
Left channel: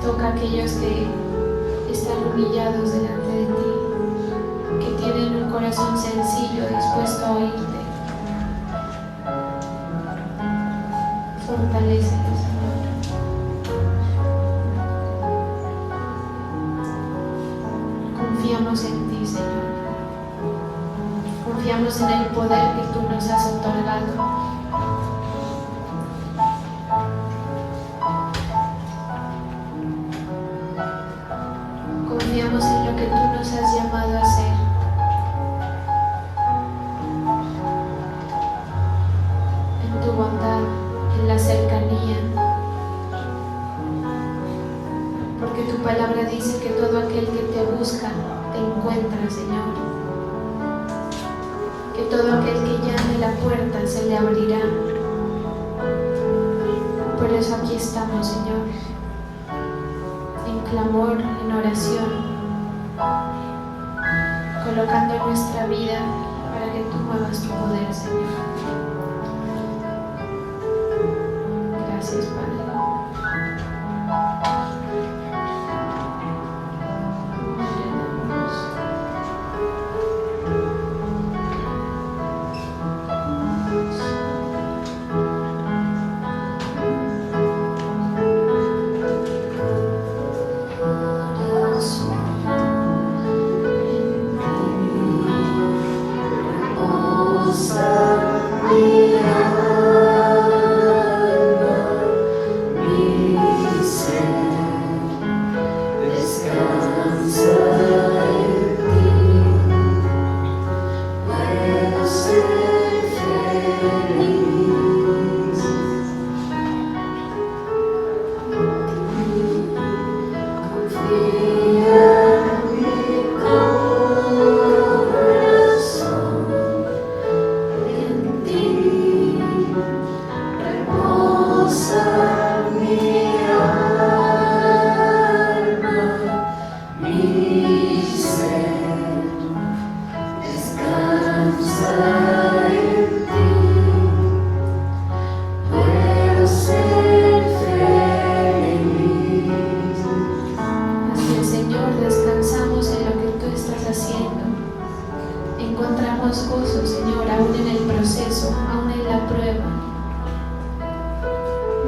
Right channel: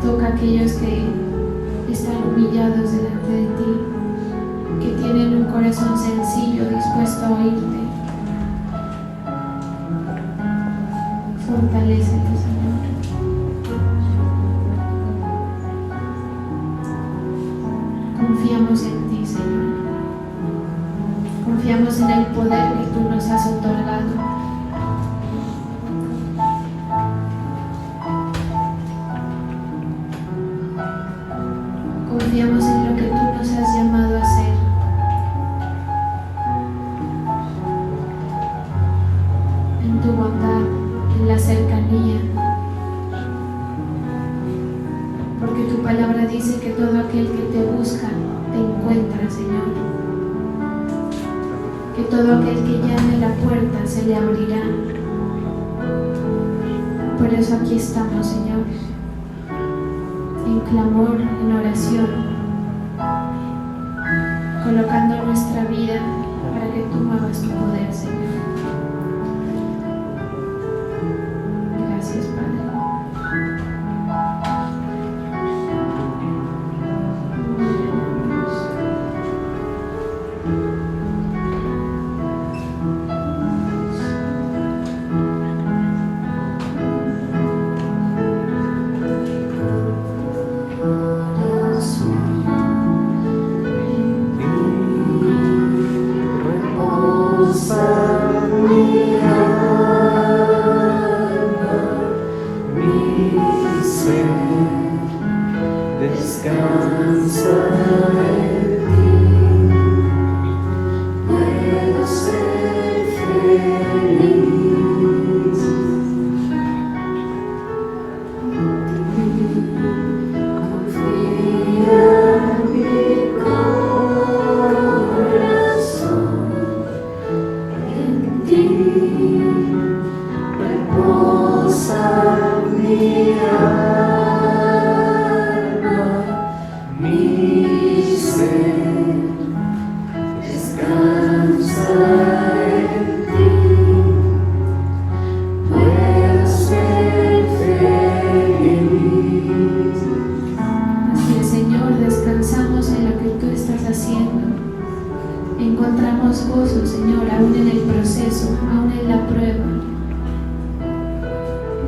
Toca a aquellos que están humillados delante de ti, que tienen un corazón sencillo dispuesto a oírte. Fortalécelos, Señor. Confiamos en ti, Señor. Confiamos en el poder que tú nos has otorgado. Confiamos en lo que tú nos has llamado a hacer. En tu bondad, en la cercanía. Porque tu palabra dice que todo aquel que te busca, te encuentra, Señor. Que todo aquel que llame a la puerta se le abrirá. Por eso aquí estamos, Señor, en clamor, en oración, colocando nuestra vida para que tú muevas tu poder, Señor. Gracias, Padre. Encontramos gozo, Señor, aún en el proceso, aún en la prueba.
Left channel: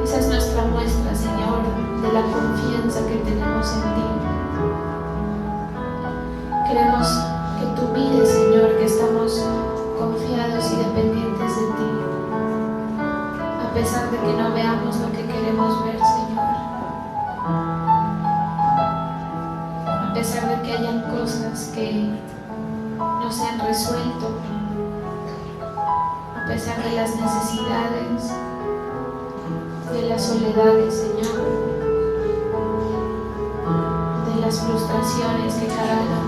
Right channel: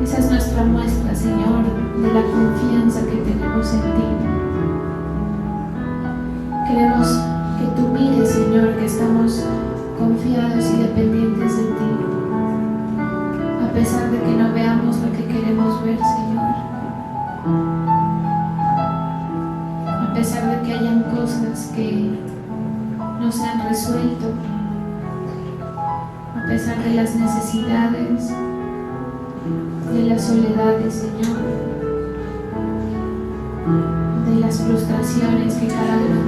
Esa es nuestra muestra, Señor, de la confianza que tenemos en ti. Queremos que tú mires, Señor, que estamos confiados y dependientes de ti, a pesar de que no veamos lo que queremos ver, Señor. A pesar de que hayan cosas que no se han resuelto, a pesar de las necesidades, de las soledades, Señor, de las frustraciones que cada vez